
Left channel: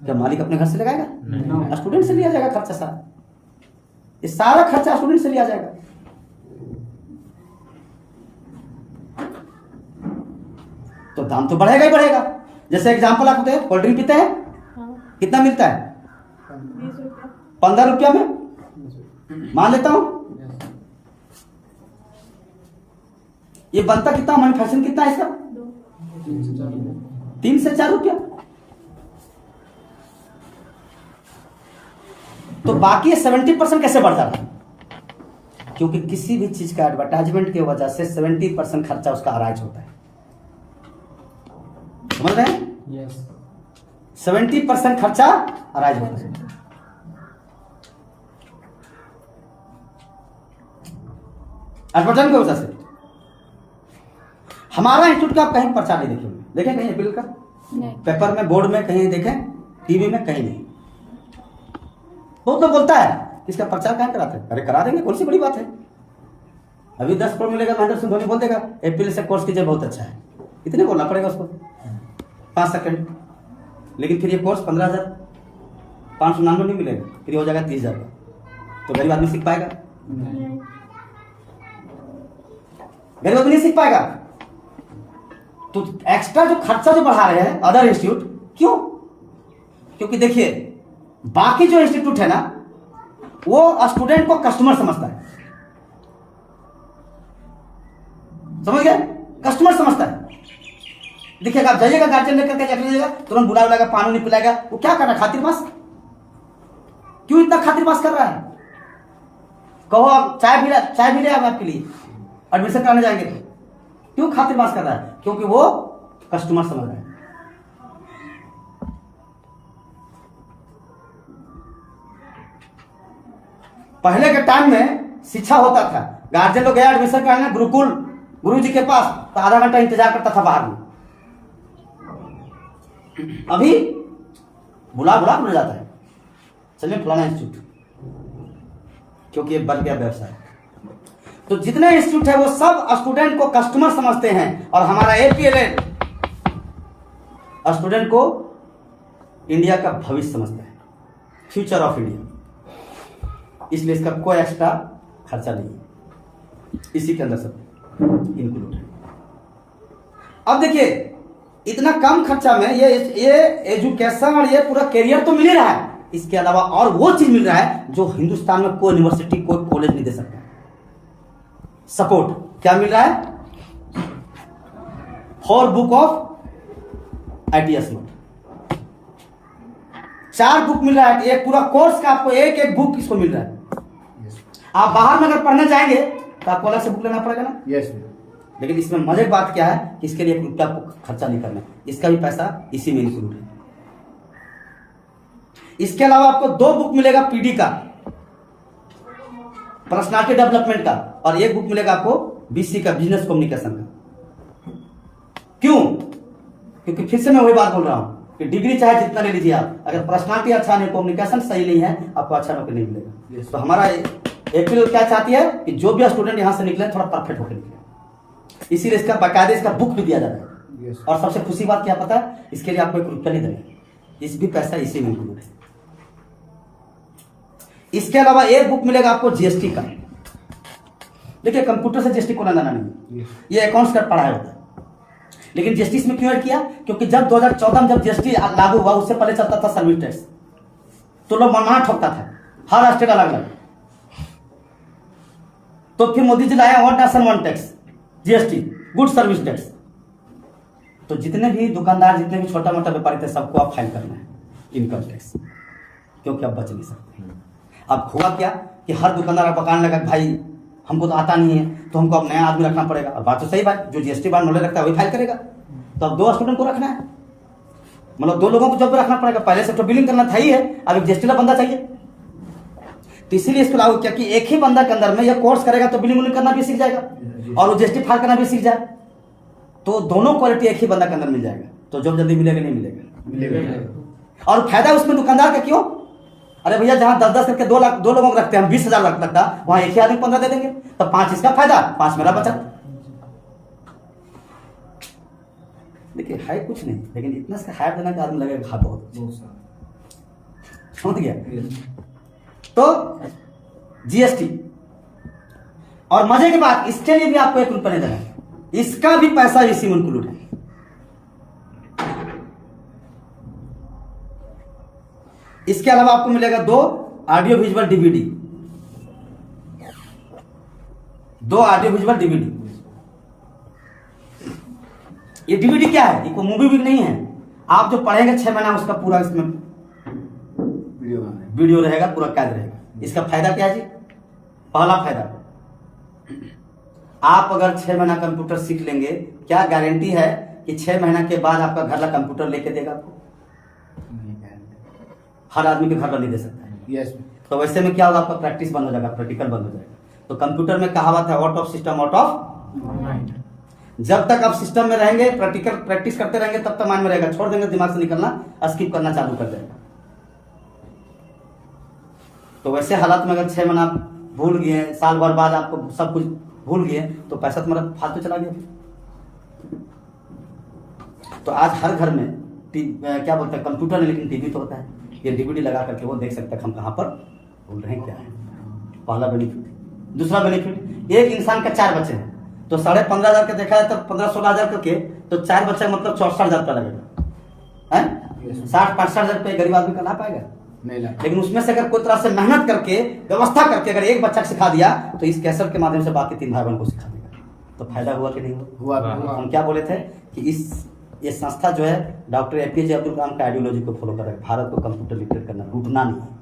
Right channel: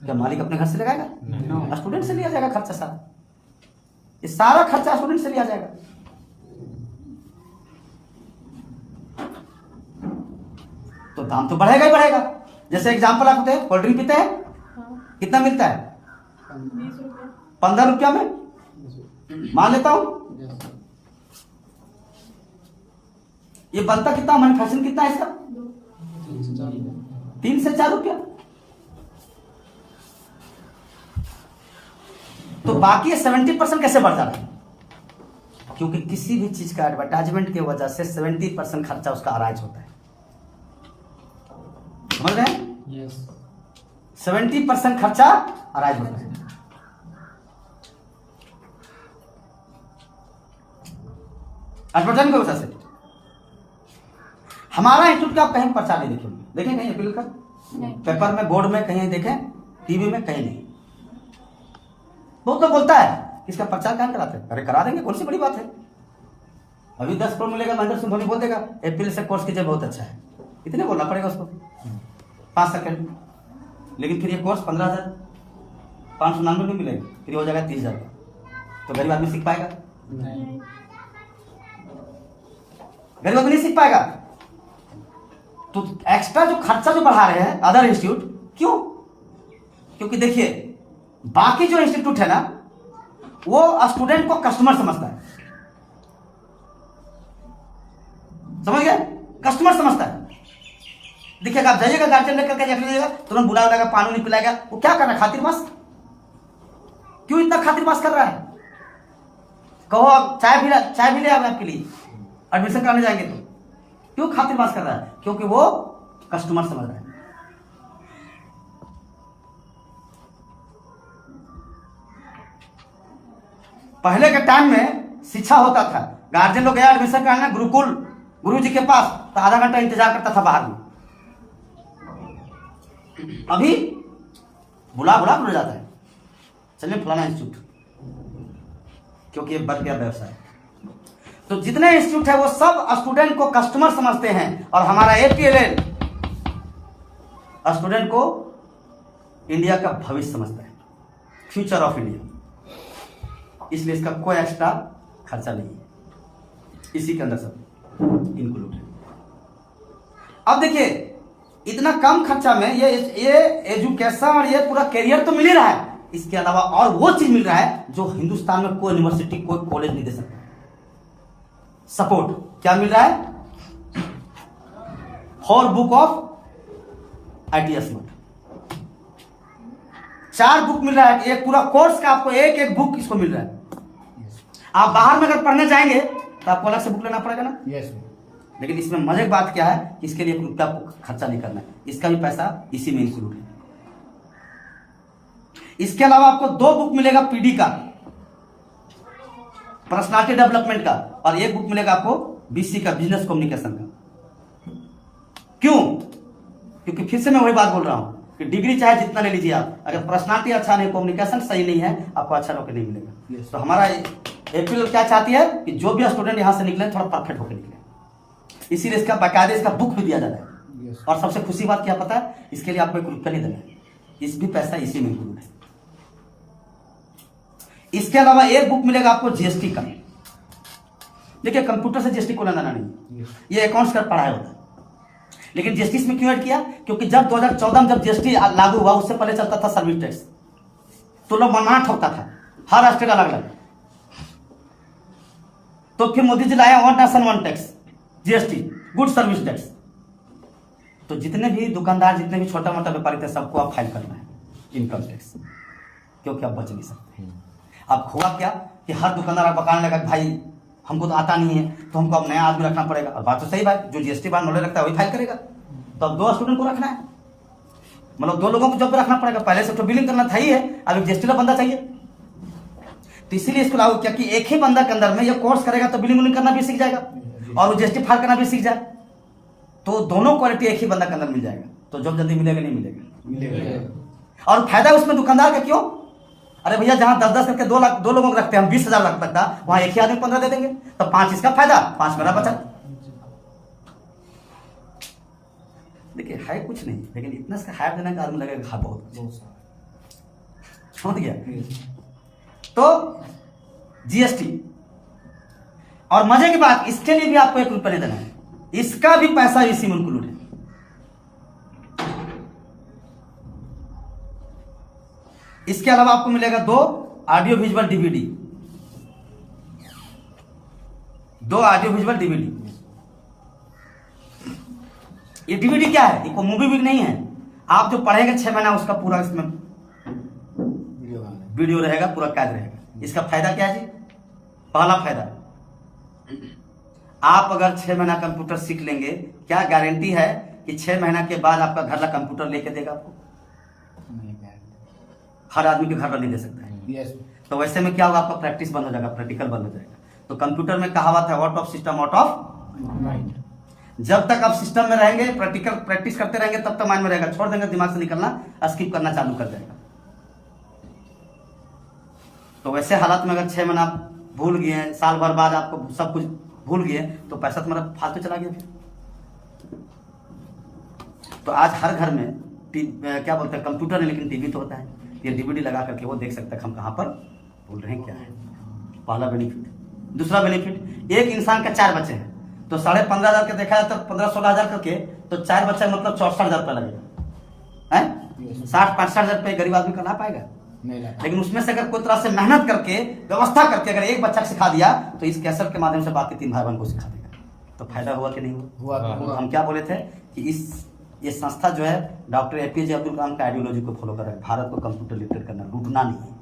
क्या मालिक अपने घर से लगाएगा? स्टूडेंट से लिया जाएगा खर्चा सारा। ये सारा खर्चा स्टूडेंट से लिया जाएगा। तो दाम तो बढ़ेगा ही बढ़ेगा। जैसे एग्जांपल आप होते हैं, कोल्ड ड्रिंक पीते हैं, हाँ। कितना मिलता है? 20 रुपये। 15 रुपया में मान लेता हूं। ये बनता कितना, मैन्युफैक्चरिंग कितना है इसका? 3 से 4 रुपया। तो बाकी 70% कैसे बढ़ जाता है? क्योंकि किसी भी चीज का एडवर्टाइजमेंट की वजह से 70% खर्चा उसका अराइज होता है। समझ रहे हैं? 70% खर्चा अराइज होता है। एडवर्टाइजमेंट की वजह से हमारा इंस्टीट्यूट का आप कहीं प्रचार नहीं देखे होंगे, देखें कहीं अपील का नहीं। पेपर में, बोर्ड में कहीं देखें, टीवी में कहीं नहीं। बहुत लोग बोलता है कि इसका प्रचार कहाँ कराते हैं? अरे करा देंगे, कौन सी बड़ी बात है। अभी 10 करोड़ मिलेगा, महेंद्र सिंह धोनी बोल देगा एपीएल से कोर्स कीजिए, बहुत अच्छा है, इतने बोलना पड़ेगा उसको 5 सेकंड। लेकिन फिर ये कोर्स 15,599 नहीं मिलेगा, फिर हो जाएगा 30,000 का। तो गरीब आदमी सीख पाएगा? गरीब आदमी नहीं सीख पाएगा। तो एक्स्ट्रा जो खर्चा जो बढ़ा रहे हैं अदर इंस्टीट्यूट, क्यों? क्योंकि देखिए बाकी जो इंस्टीट्यूट है ना, वो स्टूडेंट को कस्टमर समझता है, समझ गए? कस्टमर समझता है। देखिएगा, आप जाइएगा गार्जियन लेकर के जाइएगा, तुरंत बुला बुलाएगा, पानी नहीं पिलाएगा, वो क्या कर रहा है? खातिरबाज। क्यों इतना खातिरबाज कर रहा है? कहो आप चाय भी ले आए आपके लिए, एडमिशन कराने जाएंगे तो क्यों खातिरबाज कर रहा है? क्योंकि वो कस्टमर समझ रहा है। पहले के टाइम में शिक्षा होता था, गार्जियन लोग गया एडमिशन कराने गुरुकुल गुरु जी के पास, तो आधा घंटा इंतजार करता था बाहर में। अभी बुला जाता है, चलिए फलाना इंस्टीट्यूट, क्योंकि ये बन गया व्यवसाय। तो जितने इंस्टीट्यूट है वो सब स्टूडेंट को कस्टमर समझते हैं, और हमारा एपीएलएन स्टूडेंट को इंडिया का भविष्य समझता है, फ्यूचर ऑफ इंडिया। इसलिए इसका कोई एक्स्ट्रा खर्चा नहीं है, इसी के अंदर सब इंक्लूड है। अब देखिए इतना कम खर्चा में ये एजुकेशन और ये पूरा करियर तो मिल ही रहा है, इसके अलावा और वो चीज मिल रहा है जो हिंदुस्तान में कोई यूनिवर्सिटी कोई कॉलेज नहीं दे सकता। सपोर्ट क्या मिल रहा है? 4 book of ITS smart, 4 book मिल रहा है। एक पूरा कोर्स का आपको एक बुक इसको मिल रहा है। आप बाहर में अगर पढ़ने जाएंगे तो आपको अलग से बुक लेना पड़ेगा ना? यस। लेकिन इसमें मजे की बात क्या है कि इसके लिए ₹1 खर्चा नहीं करना है, इसका भी पैसा इसी में इंक्लूड है। इसके अलावा आपको 2 बुक मिलेगा PD का, पर्सनालिटी डेवलपमेंट का, और 1 बुक मिलेगा आपको BC का, बिजनेस कम्युनिकेशन का। क्यों? क्योंकि फिर से मैं वही बात बोल रहा हूं कि डिग्री चाहे जितना ले लीजिए आप, अगर पर्सनालिटी अच्छा नहीं, कम्युनिकेशन सही नहीं है, आपको अच्छा नौकरी नहीं मिलेगा। तो हमारा एपीएल क्या चाहती है कि जो भी स्टूडेंट यहां से निकले थोड़ा परफेक्ट होकर निकले, इसीलिए इसका बाकायदे इसका बुक भी दिया जाता है। और सबसे खुशी बात क्या पता है? इसके लिए आपको ₹1 नहीं देना, इस भी पैसा इसी में इंक्लूड है। इसके अलावा 1 बुक मिलेगा आपको GST का। देखिए कंप्यूटर से GST को लेना नहीं, ये अकाउंट्स का पढ़ाई होता है। लेकिन GST इसमें क्यों ऐड किया? क्योंकि जब 2014 में जब GST लागू हुआ, उससे पहले चलता था सर्विस टैक्स, तो लोग मनमाना ठोकता था, हर स्टेट अलग अलग। तो फिर मोदी जी लाया 1 nation 1 tax, GST, good service tax. तो जितने भी दुकानदार, जितने भी छोटा मोटा व्यापारी थे, सबको आप फाइल करना है इनकम टैक्स, क्योंकि आप बच नहीं सकते। अब हुआ क्या कि हर दुकानदार आप बताने लगा भाई हमको तो आता नहीं है, तो हमको अब नया आदमी रखना पड़ेगा। और बात तो सही बात, जो GST बार नॉलेज रखता है वही फाइल करेगा। तो अब 2 स्टूडेंट को रखना है, मतलब 2 लोगों को जब रखना पड़ेगा। पहले से तो बिलिंग करना था ही है, अब एक GST का बंदा चाहिए, तो इसीलिए इसको लागू किया कि एक ही बंदा के अंदर में यह कोर्स करेगा तो बिलिंग करना भी सीख जाएगा और वो GST फाइल करना भी सीख जाए, तो दोनों क्वालिटी एक ही बंदा के अंदर मिल जाएगा। तो जब जल्दी मिलेगा नहीं मिलेगा। और फायदा उसमें दुकानदार का क्यों? अरे भैया जहां 10-10 करके 2 लोगों को रखते हैं हम, 20,000 लगता, वहां एक ही आदमी 15 दे देंगे, तो 5 इसका फायदा, 5 मेरा बचा। देखिए है कुछ नहीं, लेकिन इतना इसका हायर देने का आदमी लगेगा हाँ बहुत समझ गया। तो GST, और मजे की बात इसके लिए भी आपको ₹1 नहीं देना है, इसका भी पैसा इसी में इंक्लूड है। इसके अलावा आपको मिलेगा 2 audio visual DVD, 2 audio visual DVD। ये DVD क्या है? ये कोई मूवी भी नहीं है, आप जो पढ़ेंगे 6 महीना उसका पूरा इसमें वीडियो रहेगा, पूरा कैद रहेगा। इसका फायदा क्या है जी? पहला फायदा, आप अगर 6 महीना कंप्यूटर सीख लेंगे, क्या गारंटी है कि 6 महीना के बाद आपका घर का कंप्यूटर लेके देगा आपको? नहीं है। हर आदमी के घर नहीं दे सकता है। यस तो वैसे में क्या होगा, आपका प्रैक्टिस बंद हो जाएगा, प्रैक्टिकल बंद हो जाएगा। तो कंप्यूटर में कहावत है, out of system out of mind. जब तक आप सिस्टम में रहेंगे, प्रैक्टिकल प्रैक्टिस करते रहेंगे, तब तक माइंड में रहेगा। छोड़ देंगे दिमाग से निकलना, स्किप करना चालू कर देगा। तो वैसे हालात में अगर 6 महीना आप भूल गए, साल भर बाद आपको सब कुछ भूल गए, तो पैसा तुम्हारा फालतू चला गया फिर। तो आज हर घर में क्या बोलते हैं, कंप्यूटर है लेकिन टीवी तो होता है। ये डीवीडी लगा करके वो देख सकता है हम कहाँ पर बोल रहे हैं, क्या है। पहला बेनिफिट। दूसरा बेनिफिट, एक इंसान का 4 बच्चे हैं तो 15,500 के देखा जाए तो 15-16 हजार करके, तो 4 बच्चे मतलब 64,000 रुपया लगेगा है। 60-65 रुपये गरीब आदमी का ला पाएगा नहीं ला। लेकिन उसमें से अगर कोई तरह से मेहनत करके व्यवस्था करके अगर एक बच्चा सिखा दिया, तो इस कैसेट के माध्यम से बाकी 3 भाई बहन को सिखा देगा। तो फायदा हुआ कि नहीं हुआ? हम क्या बोले थे कि ये संस्था जो है डॉक्टर APJ अब्दुल कलाम का आइडियोलॉजी को फॉलो कर रहा है। भारत को कंप्यूटर लिटरेट करना, लूटना नहीं है।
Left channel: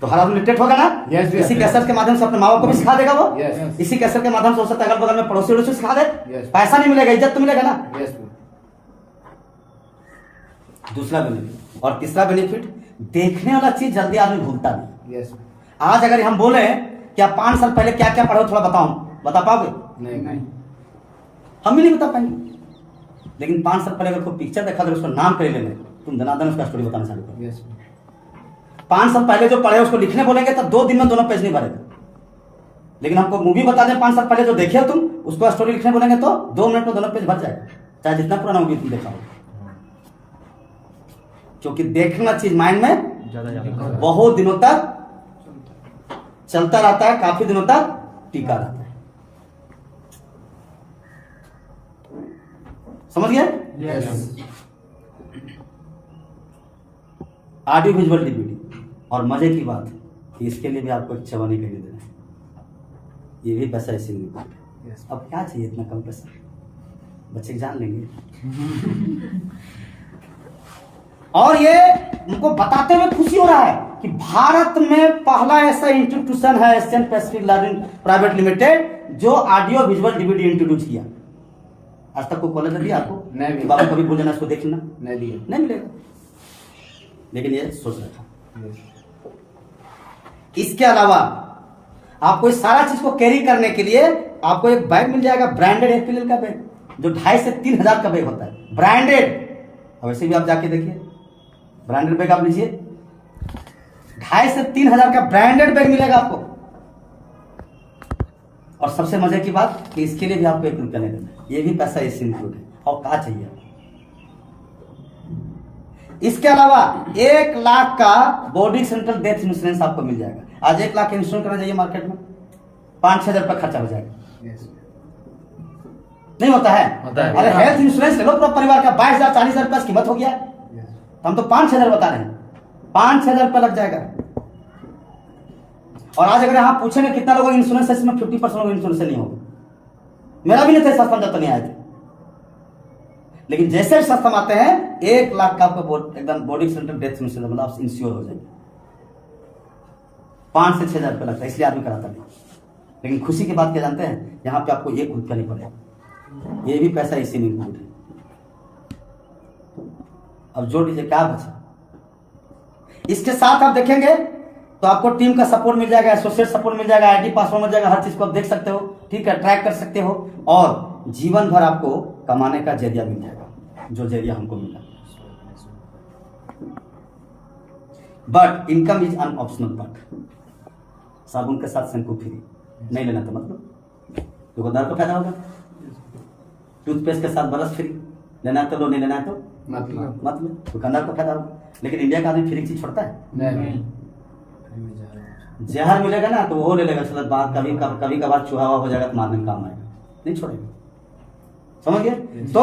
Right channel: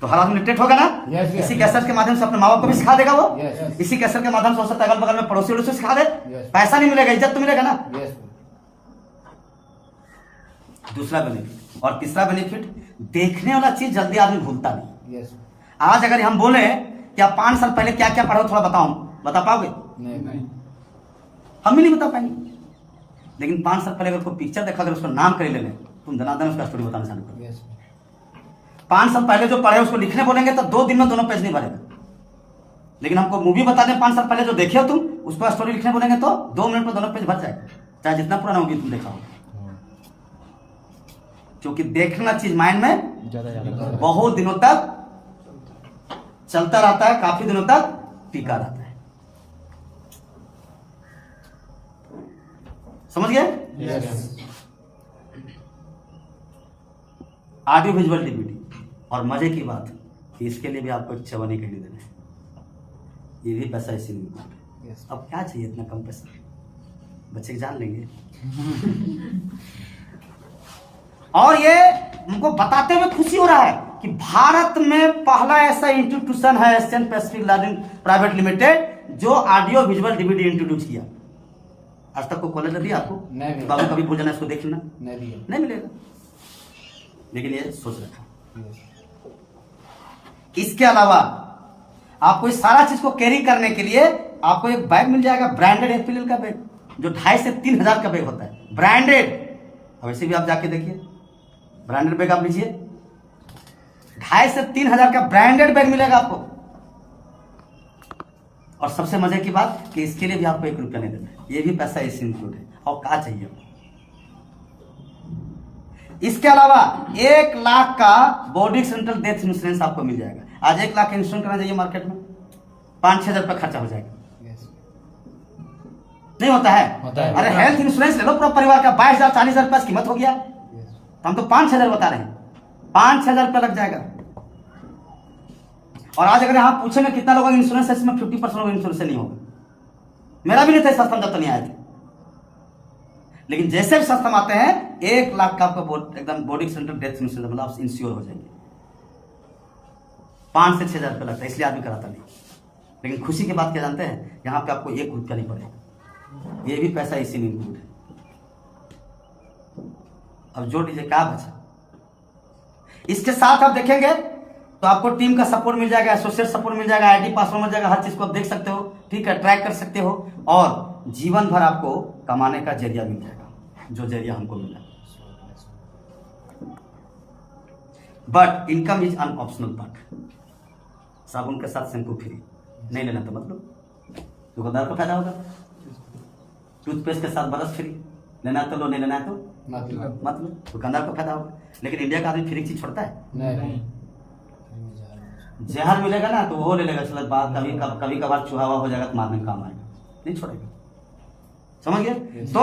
तो हर आदमी लिटरेट होगा ना। Yes, इसी कैसेट के माध्यम से अपने माँ बाप को भी सिखा देगा वो। Yes. इसी कैसेट के माध्यम से हो सकता है अगल बगल में पड़ोसी वड़ोसी सिखा दे। Yes. पैसा नहीं मिलेगा, इज्जत तो मिलेगा ना। यस दूसरा बेनिफिट। और तीसरा बेनिफिट, देखने वाला चीज जल्दी आदमी भूलता नहीं। यस आज अगर हम बोले कि आप 5 साल पहले क्या क्या पढ़ो, थोड़ा बताओ, बता पाओगे? नहीं हम भी नहीं बता पाएंगे। लेकिन 5 साल पहले अगर कोई पिक्चर देखा, अगर उसका नाम कर लेंगे, तुम दनादन उसका स्टोरी बताना चालू करो। यस 5 साल पहले जो पढ़े उसको लिखने बोलेंगे तो 2 दिन में दोनों पेज नहीं भरेगा। लेकिन हमको मूवी बता दें 5 साल पहले जो देखे हो तुम, उसको स्टोरी लिखने बोलेंगे तो 2 मिनट में दोनों पेज भर जाएगा, चाहे जितना पुराना होगी तुम देखा हो। क्योंकि देखना चीज माइंड में बहुत दिनों तक चलता रहता है, काफी दिनों तक टिका रहता है। समझ गए? Yes audio visual DVD. और मजे की बात कि इसके लिए भी आपको एक चवन्नी खरीद देना है, ये भी पैसा इसी में। यस अब क्या चाहिए इतना कम पैसा, बच्चे जान लेंगे। और ये हमको बताते हुए खुशी हो रहा है कि भारत में पहला ऐसा इंस्टीट्यूशन है Asian Pacific learning private limited जो ऑडियो विजुअल डीवीडी इंट्रोड्यूस किया। आज तक कोई कॉलेज दिया आपको? नहीं। कि बाबू कभी भूल जाना इसको देख लेना, नहीं दिए। नहीं मिलेगा। लेकिन ये सोच रखा। इसके अलावा आपको इस सारा चीज को कैरी करने के लिए आपको एक बैग मिल जाएगा, ब्रांडेड एफपीएल का बैग, जो 2,500 से 3,000 का बैग होता है, ब्रांडेड। वैसे भी आप जाके देखिए, ब्रांडेड बैग आप लीजिए, 2,500 से 3,000 का ब्रांडेड बैग मिलेगा आपको। और सबसे मजे की बात कि इसके लिए भी आपको 1 रुपया नहीं देना, ये भी पैसा इससे इंक्लूड है। और क्या चाहिए आपको? इसके अलावा 1 लाख का बॉडी सेंट्रल डेथ इंश्योरेंस आपको मिल जाएगा। आज 1 लाख का इंश्योरेंस करना चाहिए मार्केट में 5-6 हजार रुपया खर्चा हो जाएगा। यस नहीं होता है? होता है। अरे हेल्थ इंश्योरेंस ले लो पूरा परिवार का, 22,000-40,000 रुपया कीमत हो गया। यस तो हम तो 5-6 हजार बता रहे हैं, 5-6 हजार रुपया लग जाएगा। और आज अगर यहाँ पूछेंगे कितना लोगों का इंश्योरेंस है, इसमें 50% लोगों का इंश्योरेंस नहीं होगा। मेरा भी नहीं था सस्ता, जब तक नहीं आए थे। लेकिन जैसे भी सस्ता आते हैं 1 लाख का आपको एकदम बॉडी सेंट्रल डेथ इंश्योरेंस, मतलब आप इंश्योर हो जाएंगे। 5 से 6 हजार रुपया लगता है, इसलिए आदमी कराता नहीं। लेकिन खुशी की बात क्या जानते हैं, यहाँ पे आपको 1 रुपया नहीं पड़ेगा, ये भी पैसा इसी में इंक्लूड है। अब जोड़ दीजिए क्या बचा। इसके साथ आप देखेंगे तो आपको टीम का सपोर्ट मिल जाएगा, एसोसिएट सपोर्ट मिल जाएगा, आईडी पासवर्ड मिल जाएगा, हर चीज को आप देख सकते हो, ठीक है, ट्रैक कर सकते हो। और जीवन भर आपको कमाने का जरिया मिल जाएगा, जो जरिया हमको मिला। But income is an optional part. साबुन के साथ शैम्पू फ्री, नहीं लेना तो मतलब दुकानदार को फायदा होगा। टूथपेस्ट के साथ ब्रश फ्री, लेना है तो लो, नहीं लेना है तो मतलब दुकानदार को फायदा होगा। लेकिन इंडिया का आदमी फ्री की चीज छोड़ता है? नहीं जहर मिलेगा ना तो वो ले लेगा, चलो बात कभी कभार चूहा हो जाएगा तो मारने में काम आएगा, नहीं छोड़ेगा। समझ गए? तो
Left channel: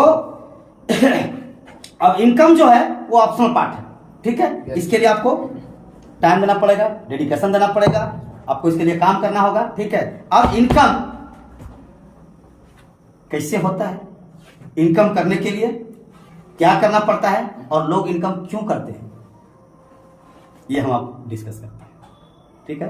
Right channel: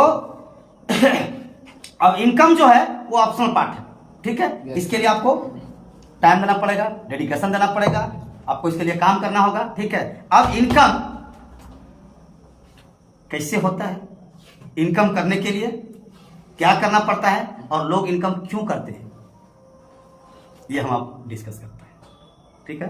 अब इनकम जो है वो ऑप्शनल पार्ट है, ठीक है। इसके लिए आपको टाइम देना पड़ेगा, डेडिकेशन देना पड़ेगा, आपको इसके लिए काम करना होगा, ठीक है। अब इनकम कैसे होता है, इनकम करने के लिए क्या करना पड़ता है, और लोग इनकम क्यों करते हैं, ये हम आप डिस्कस करते हैं, ठीक है।